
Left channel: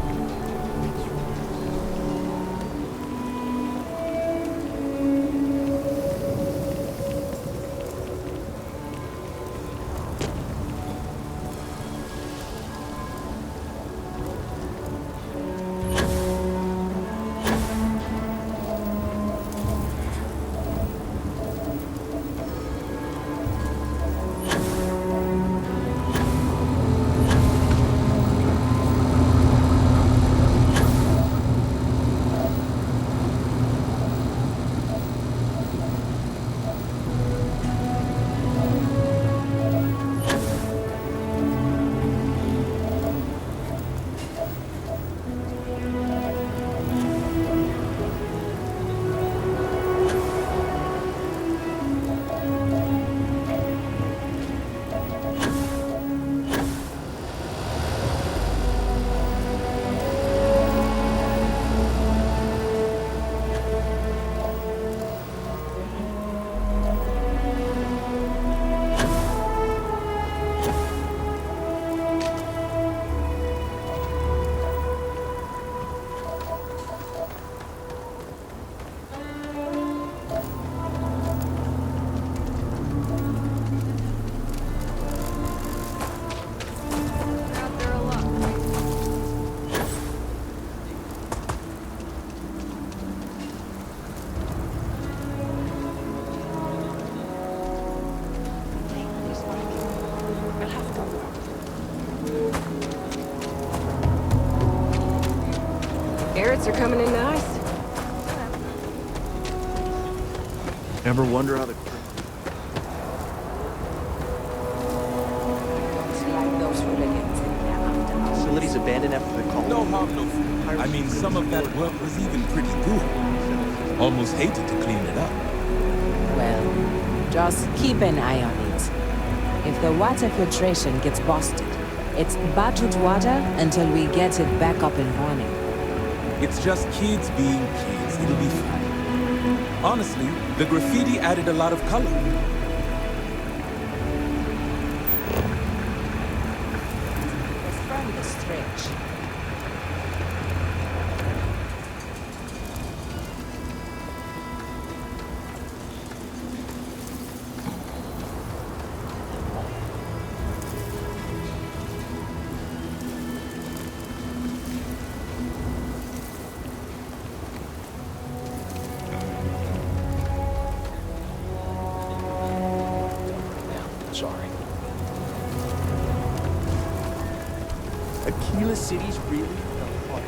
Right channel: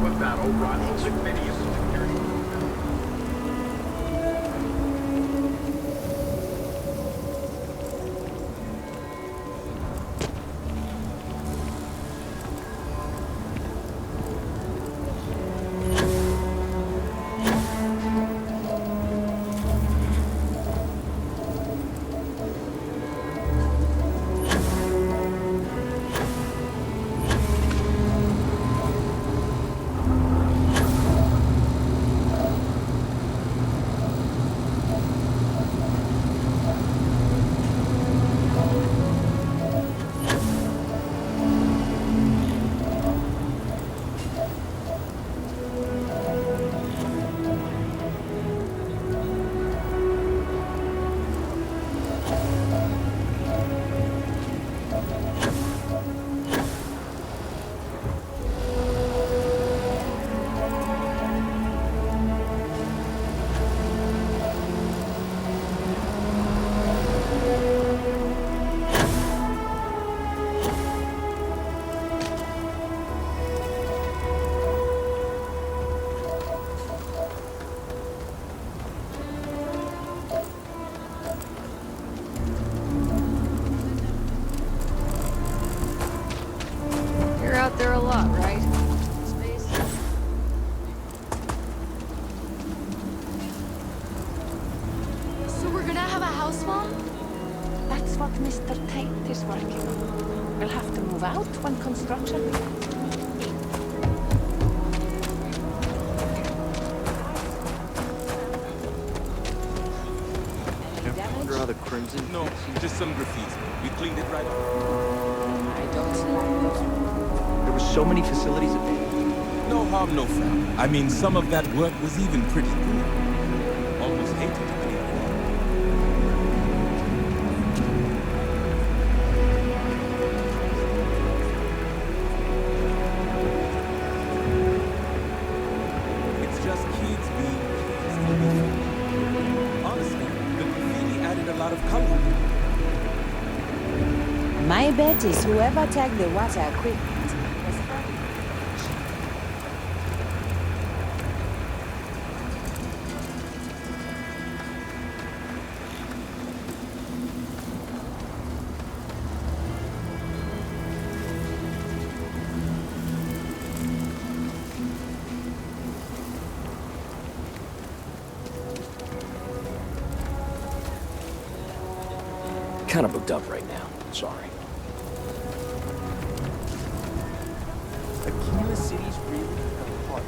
Ever wonder how the Crimson... No, just some graffiti. We cleaned it right up. I don't like those hooligans. There were so many facilities abandoned after the call. No harm, no foul. I mean, some of that work was even pretty good. Almost hated to clean it up. Well, just keep an eye on it. If the water filtration gets busted, it's bottled water until we get it back up and running. It's just kids being kids. It'll be fine. Honestly, the graffiti added a lot of color. My bet is whoever tagged the water equipment was from the stretch. Kind of booked up right now. Sorry. Aquila City's really fell apart.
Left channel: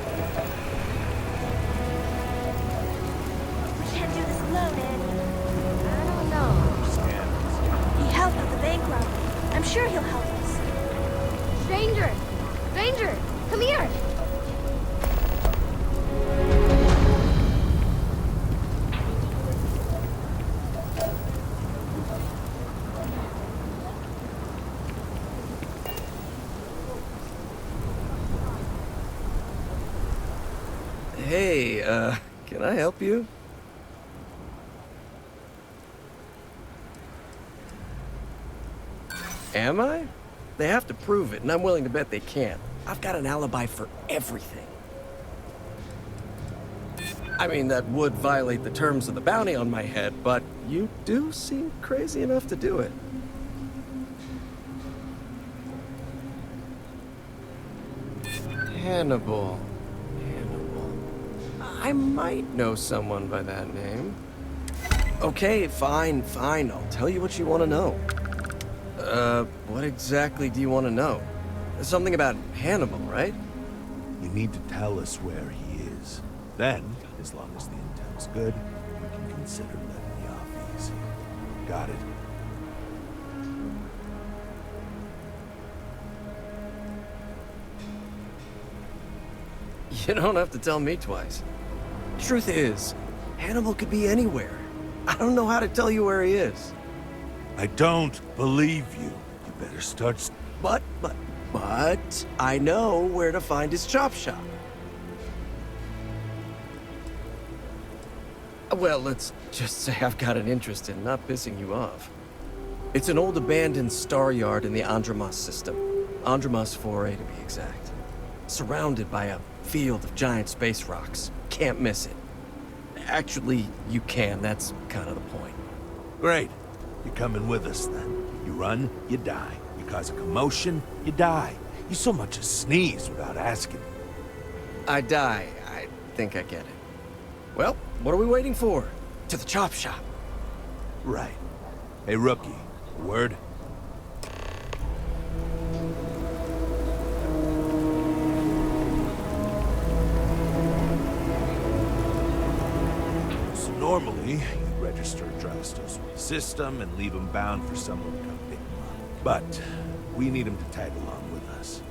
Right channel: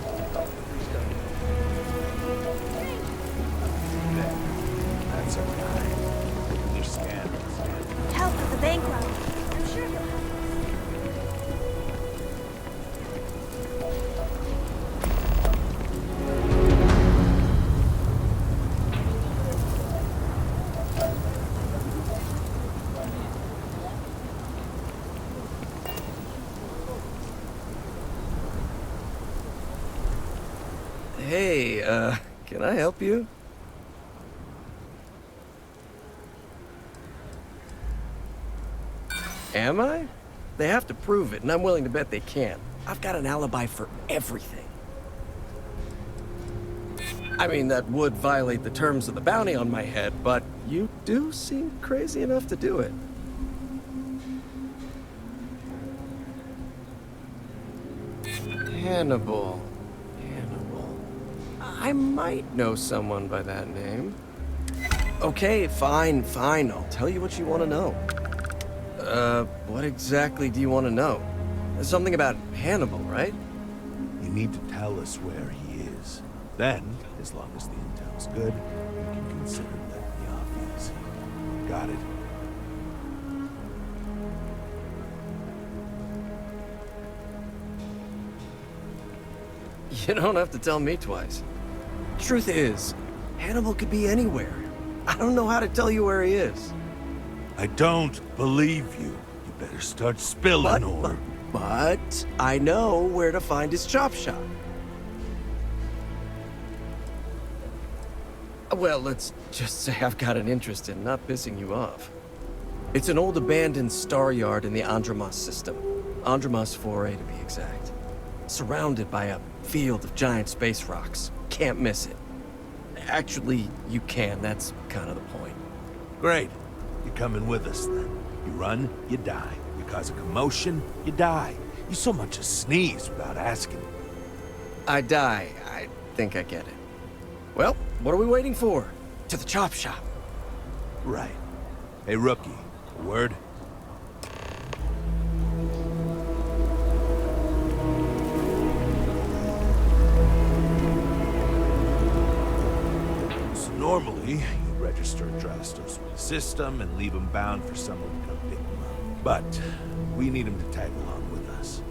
bank robbery. I'm sure he'll help us. Stranger! Stranger! Come here! Hey, can I help you? Am I? They have to prove it, and I'm willing to bet they can't. I've got an alibi for everything. I mean, that would violate the terms of the bounty on my head, but you do seem crazy enough to do it. Hannibal. I might know someone by that name. Okay, fine. I'll tell you what you want to know. What exactly do you want to know? Something about Hannibal, right? You need to tell us where he is. Then, as long as the intel's good, you can consider letting me off easy. Got it? You don't have to tell me twice. Truth is, Hannibal could be anywhere. I don't know how to tell you where he is. I don't believe you. You better start spilling. But I know where to find his chop shop. Well, let's just say I've got an interest in not pissing you off. It's an old abandoned star yard in the Andromos system. Andromos 4A to be exact. Surrounded by a field of giant space rocks. Can't miss it. Actually, you can. That's kind of the point. Great. You're coming with us, then. You run, you die. You cause a commotion, you die. You so much as sneeze without asking. I die. I think I get it. Well, what are we waiting for? To the chop shop. Right. Hey, rookie. A word? So normally, you'd register Drastos with the system and leave him bound for someone to come pick him up. But we need him to tag along with us.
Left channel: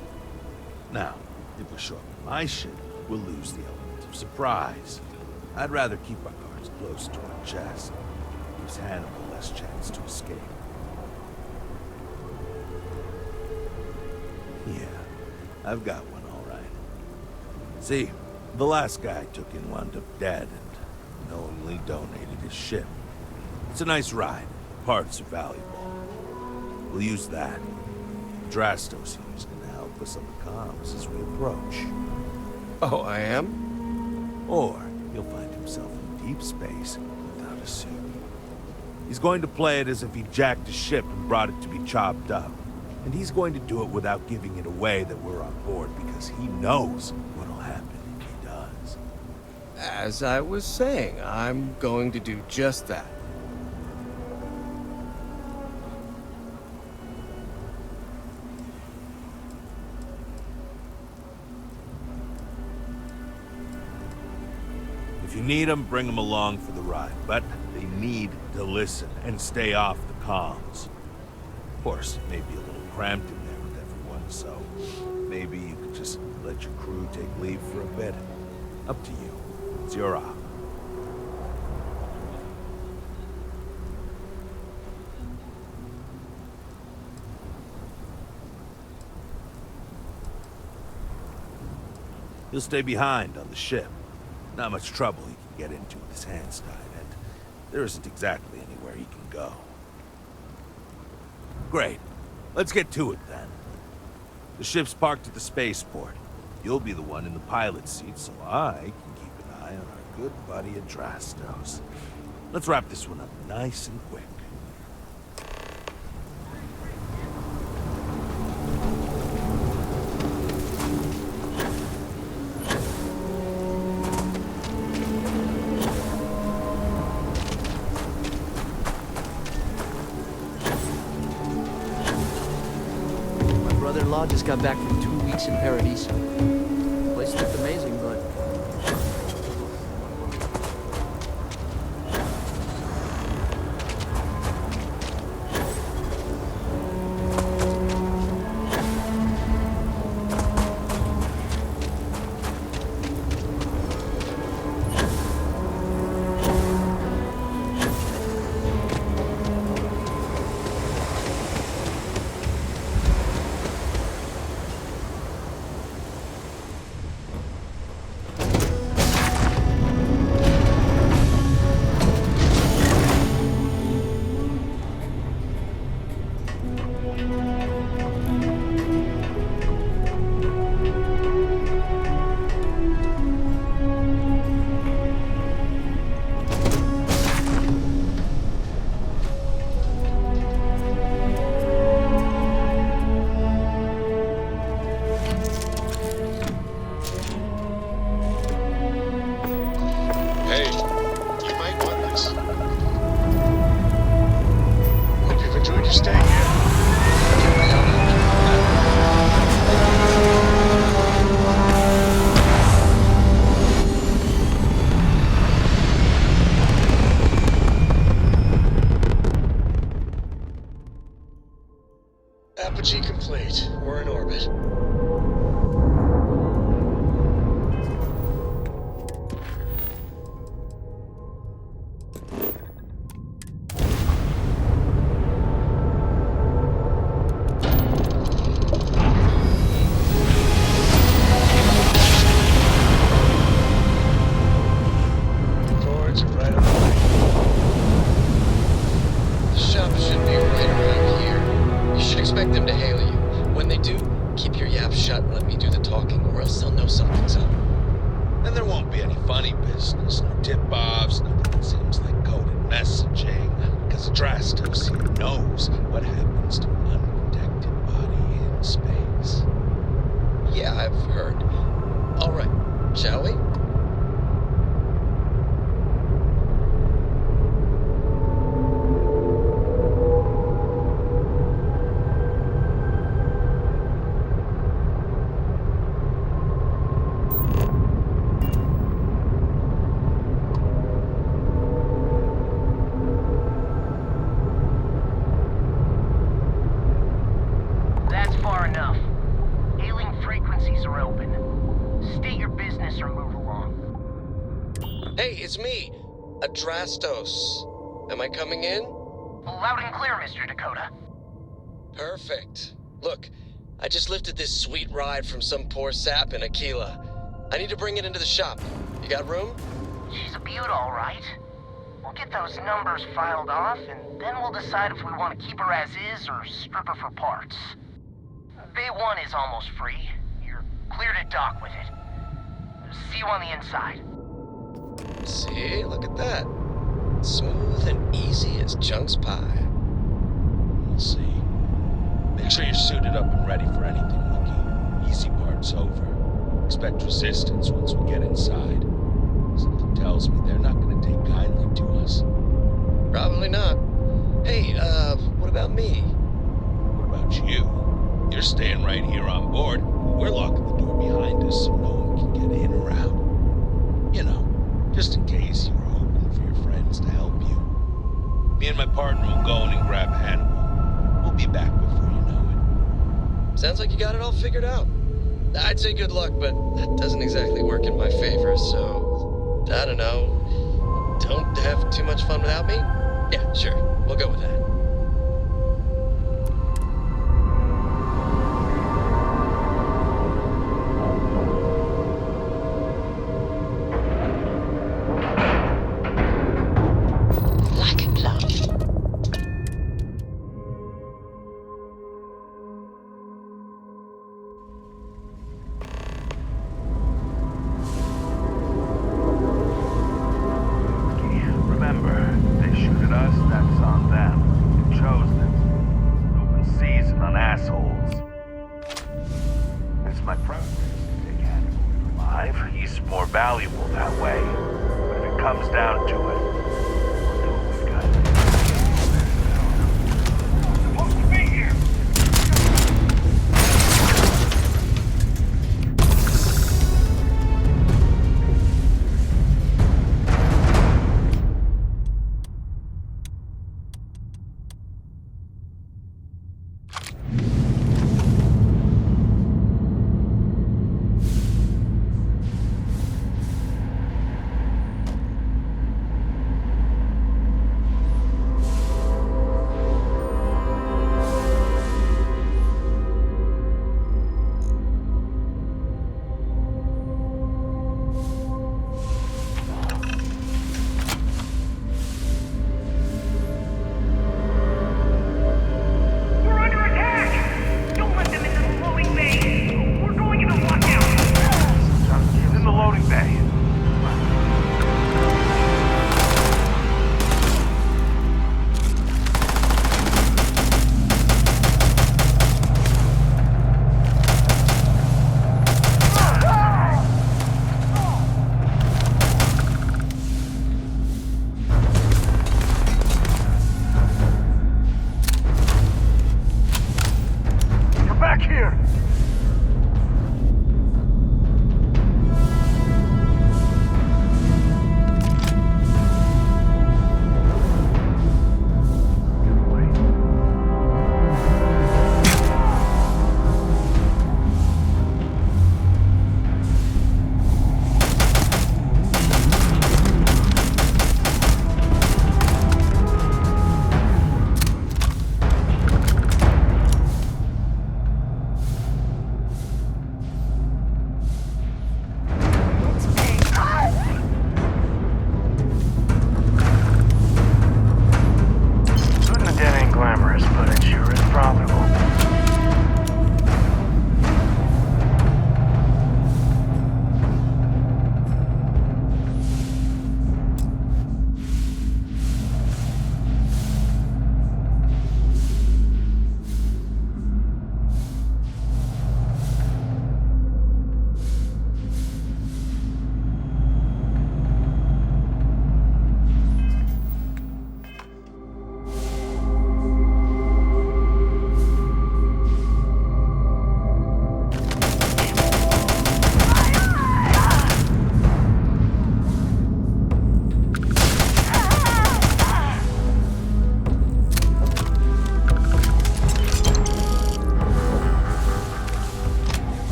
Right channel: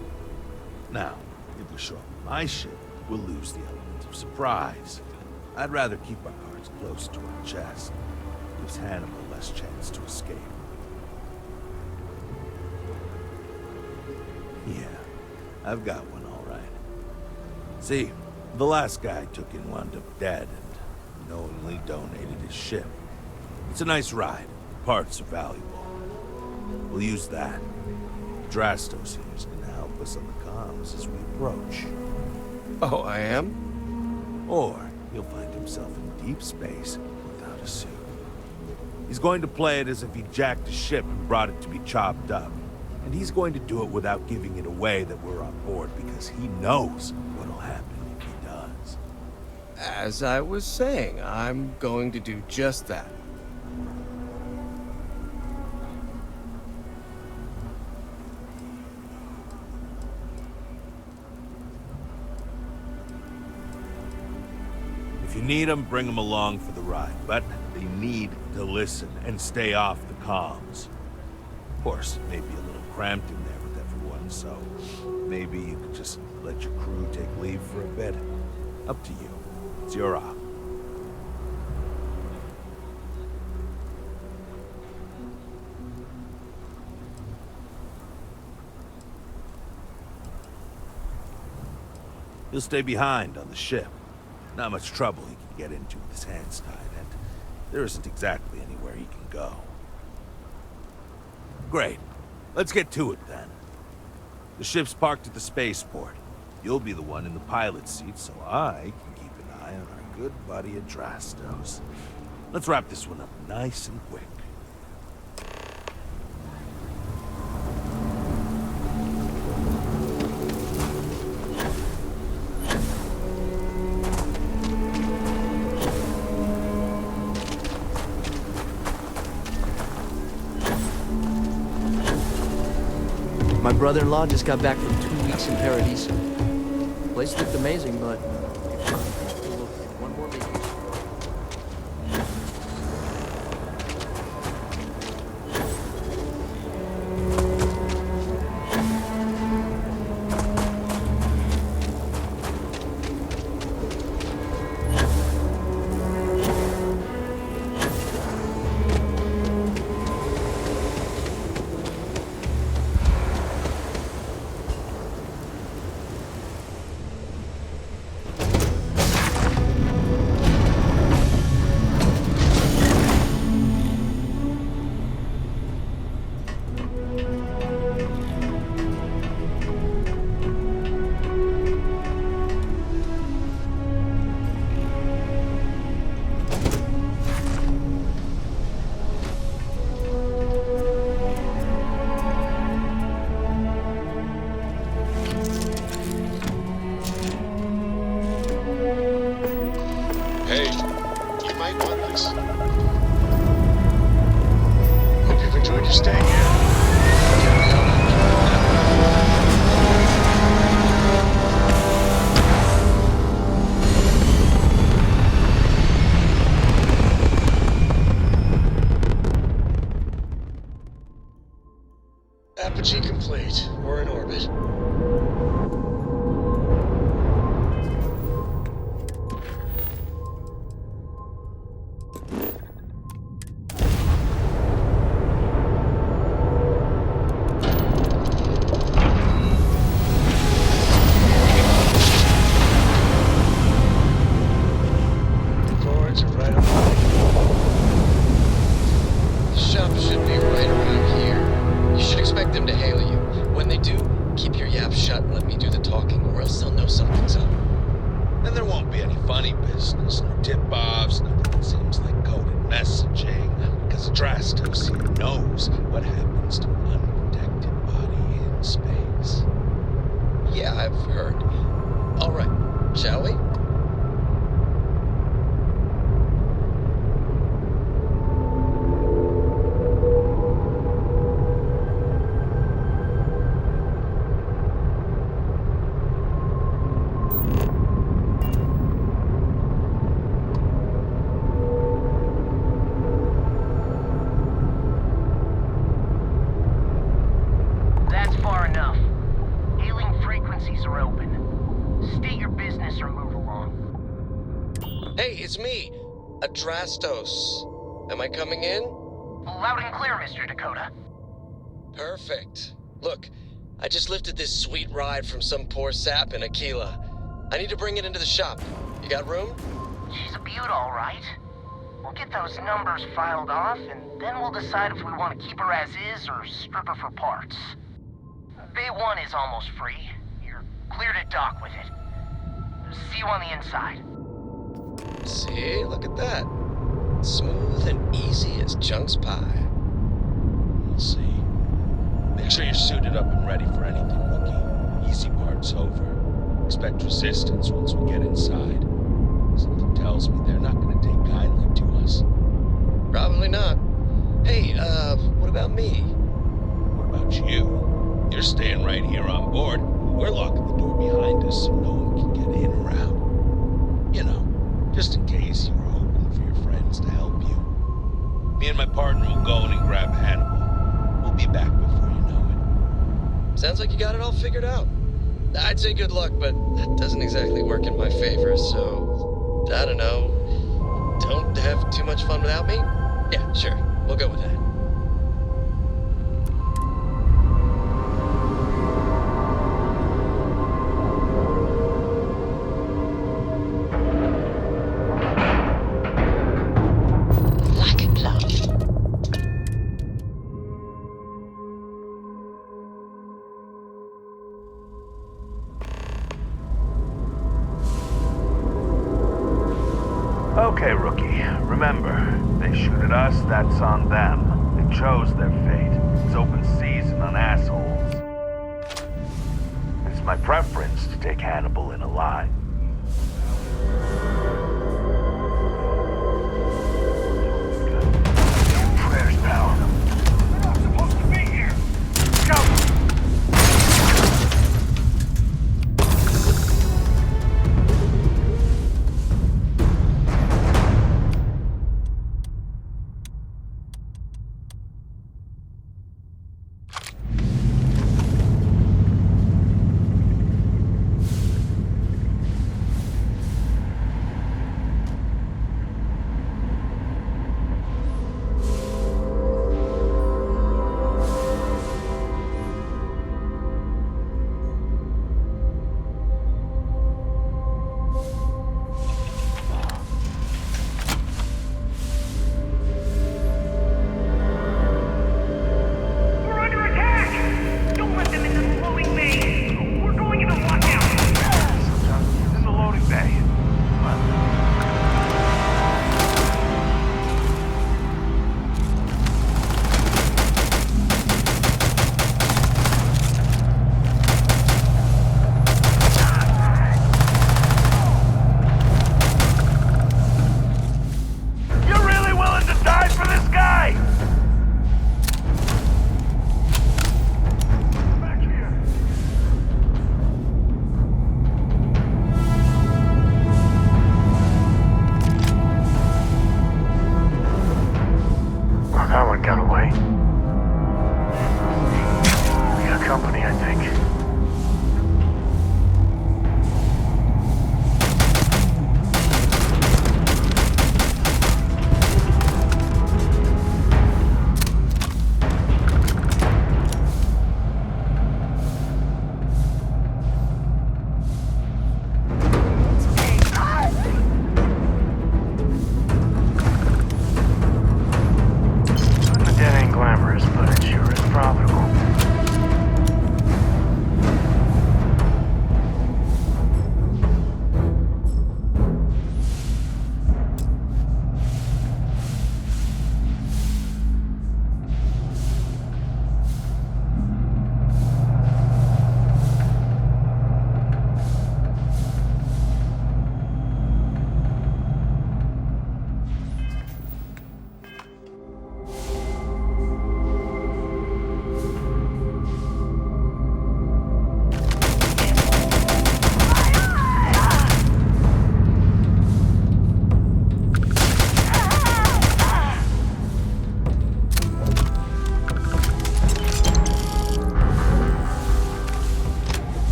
Now, if we show up in my ship, we'll lose the element of surprise. I'd rather keep our cards close to our chest. Gives Hannibal less chance to escape. Yeah, I've got one all right. See, the last guy I took in wound up dead and knowingly donated his ship. It's a nice ride. The parts are valuable. We'll use that. Drastos here is gonna help us on the comms as we approach. Oh, I am? Or he'll find himself in deep space without a suit. He's going to play it as if he jacked a ship and brought it to be chopped up. And he's going to do it without giving it away that we're on board because he knows what'll happen if he does. As I was saying, I'm going to do just that. If you need them, bring them along for the ride. But they need to listen and stay off the comms. Of course, it may be a little cramped in there with everyone, so maybe you could just let your crew take leave for a bit. Up to you. It's your op. He'll stay behind on the ship. Not much trouble he can get into with his hands tied, and there isn't exactly anywhere he can go. Great. Let's get to it, then. The ship's parked at the spaceport. You'll be the one in the pilot's seat, so I can keep an eye on our good buddy Adrastos. Let's wrap this one up nice and quick. My brother-in-law just got back from 2 weeks in Paradiso. The place looked amazing, but one more vacation. Just stay here. Apogee complete. We're in orbit. Boards are right on the way. The shop should be right around here. You should expect them to hail you. When they do, keep your yap shut and let me do the talking, or else they'll know something's up. And there won't be any funny business, no tip-offs, nothing that seems like coded messaging, because Drastos here knows what happens to an unprotected body in space. Yeah, I've heard. All right, shall we? That's far enough. Hailing frequencies are open. State your business or move along. Hey, it's me, Adrastos. Am I coming in? Loud and clear, Mr. Dakota. Perfect. Look, I just lifted this sweet ride from some poor sap in Aquila. I need to bring it into the shop. You got room? She's a beaut, all right. We'll get those numbers filed off, and then we'll decide if we want to keep her as is or strip her for parts. Bay 1 is almost free. You're clear to dock with it. See you on the inside. See, look at that. Smooth and easy as Chunk's pie. We'll see. Make sure you're suited up and ready for anything, rookie. Easy part's over. Expect resistance once we get inside. Something tells me they're not gonna take kindly to us. Probably not. Hey, what about me? What about you? You're staying right here on board. We're locking the door behind us so no one can get in or out. You know, just in case you were hoping for your friends to help you. Me and my partner will go in and grab Hannibal. We'll be back before you know it. Sounds like you got it all figured out. I'd say good luck, but that doesn't exactly work in my favor, so... I don't know. Don't have too much fun without me? Yeah, sure. We'll go with that. Okay, rookie. Remember, they shoot at us, that's on them. They chose their fate. It's open season on assholes. It's my preference to take Hannibal in alive. He's more valuable that way. But if it comes down to it, we'll do what we've got to do. Prayers, pal. We're not supposed to be here! Go!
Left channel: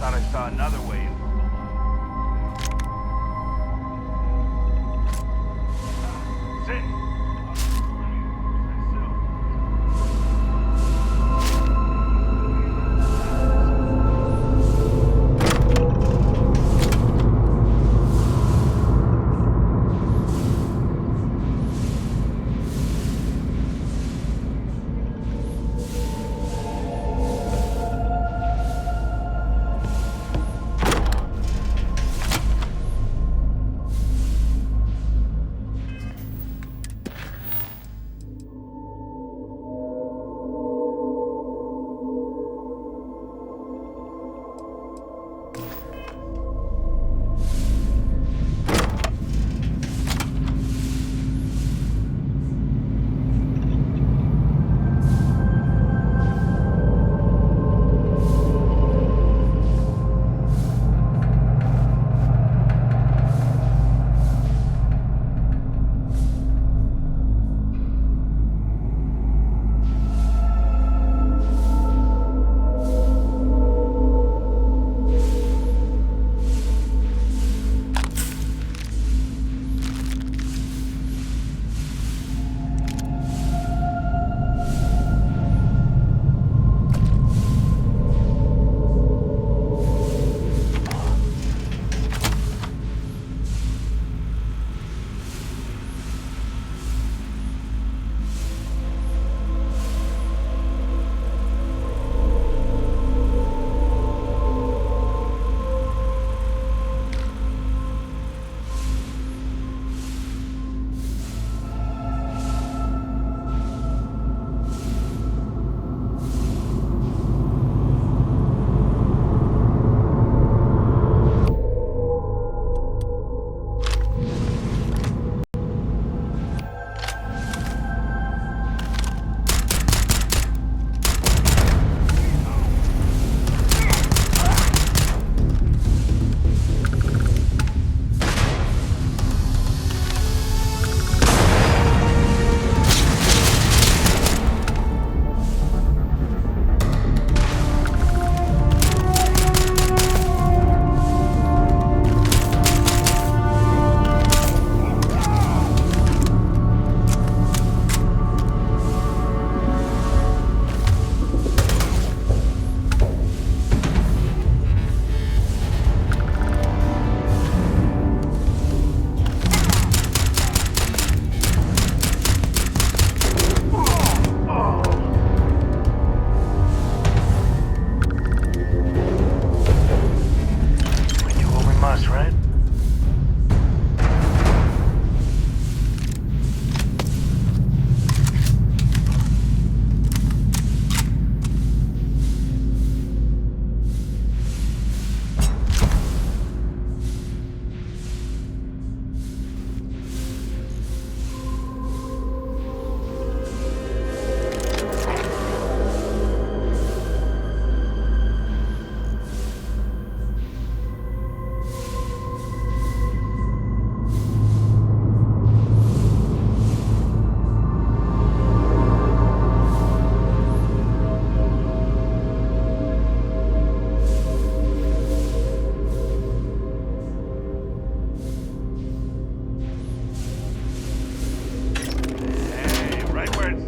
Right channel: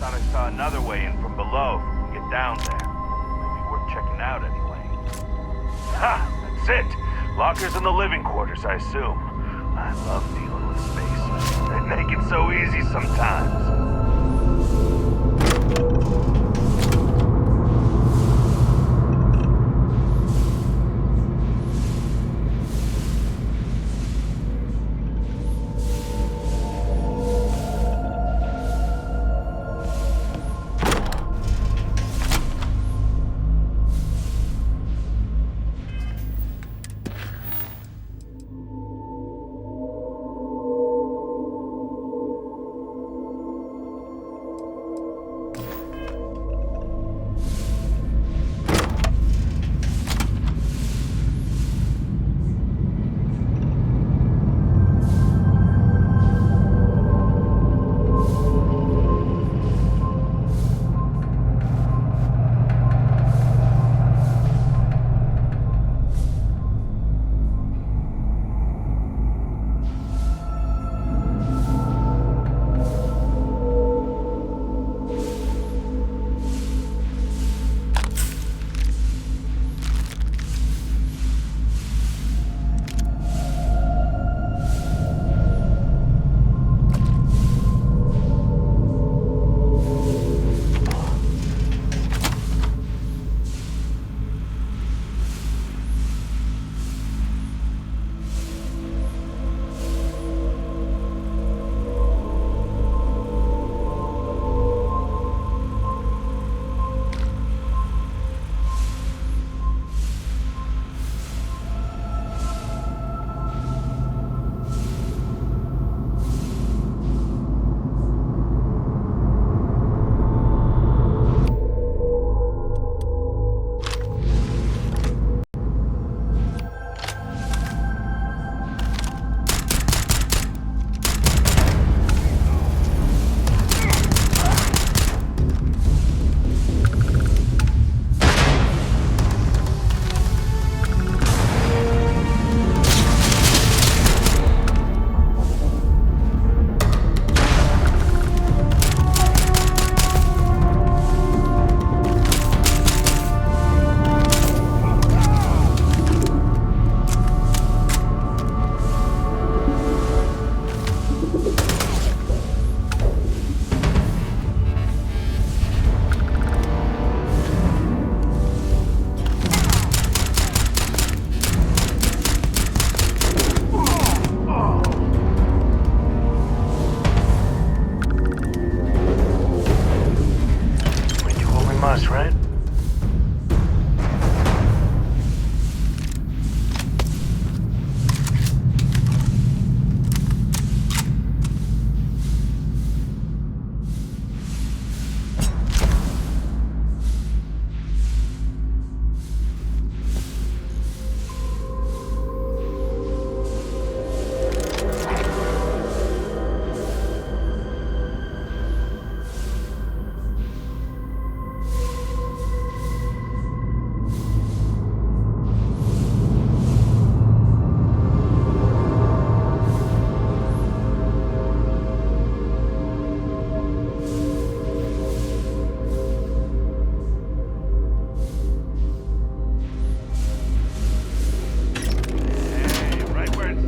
thought I saw another way in from below. Get down there. Might be worth checking out anyway. Ha! That's it! Lockers in the living quarters, I assume. I love dealing with space. They make it so easy sometimes.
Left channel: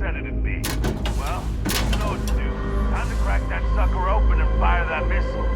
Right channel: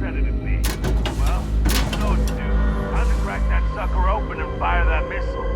It'd be. Well, you know what to do. Time to crack that sucker open and fire that missile.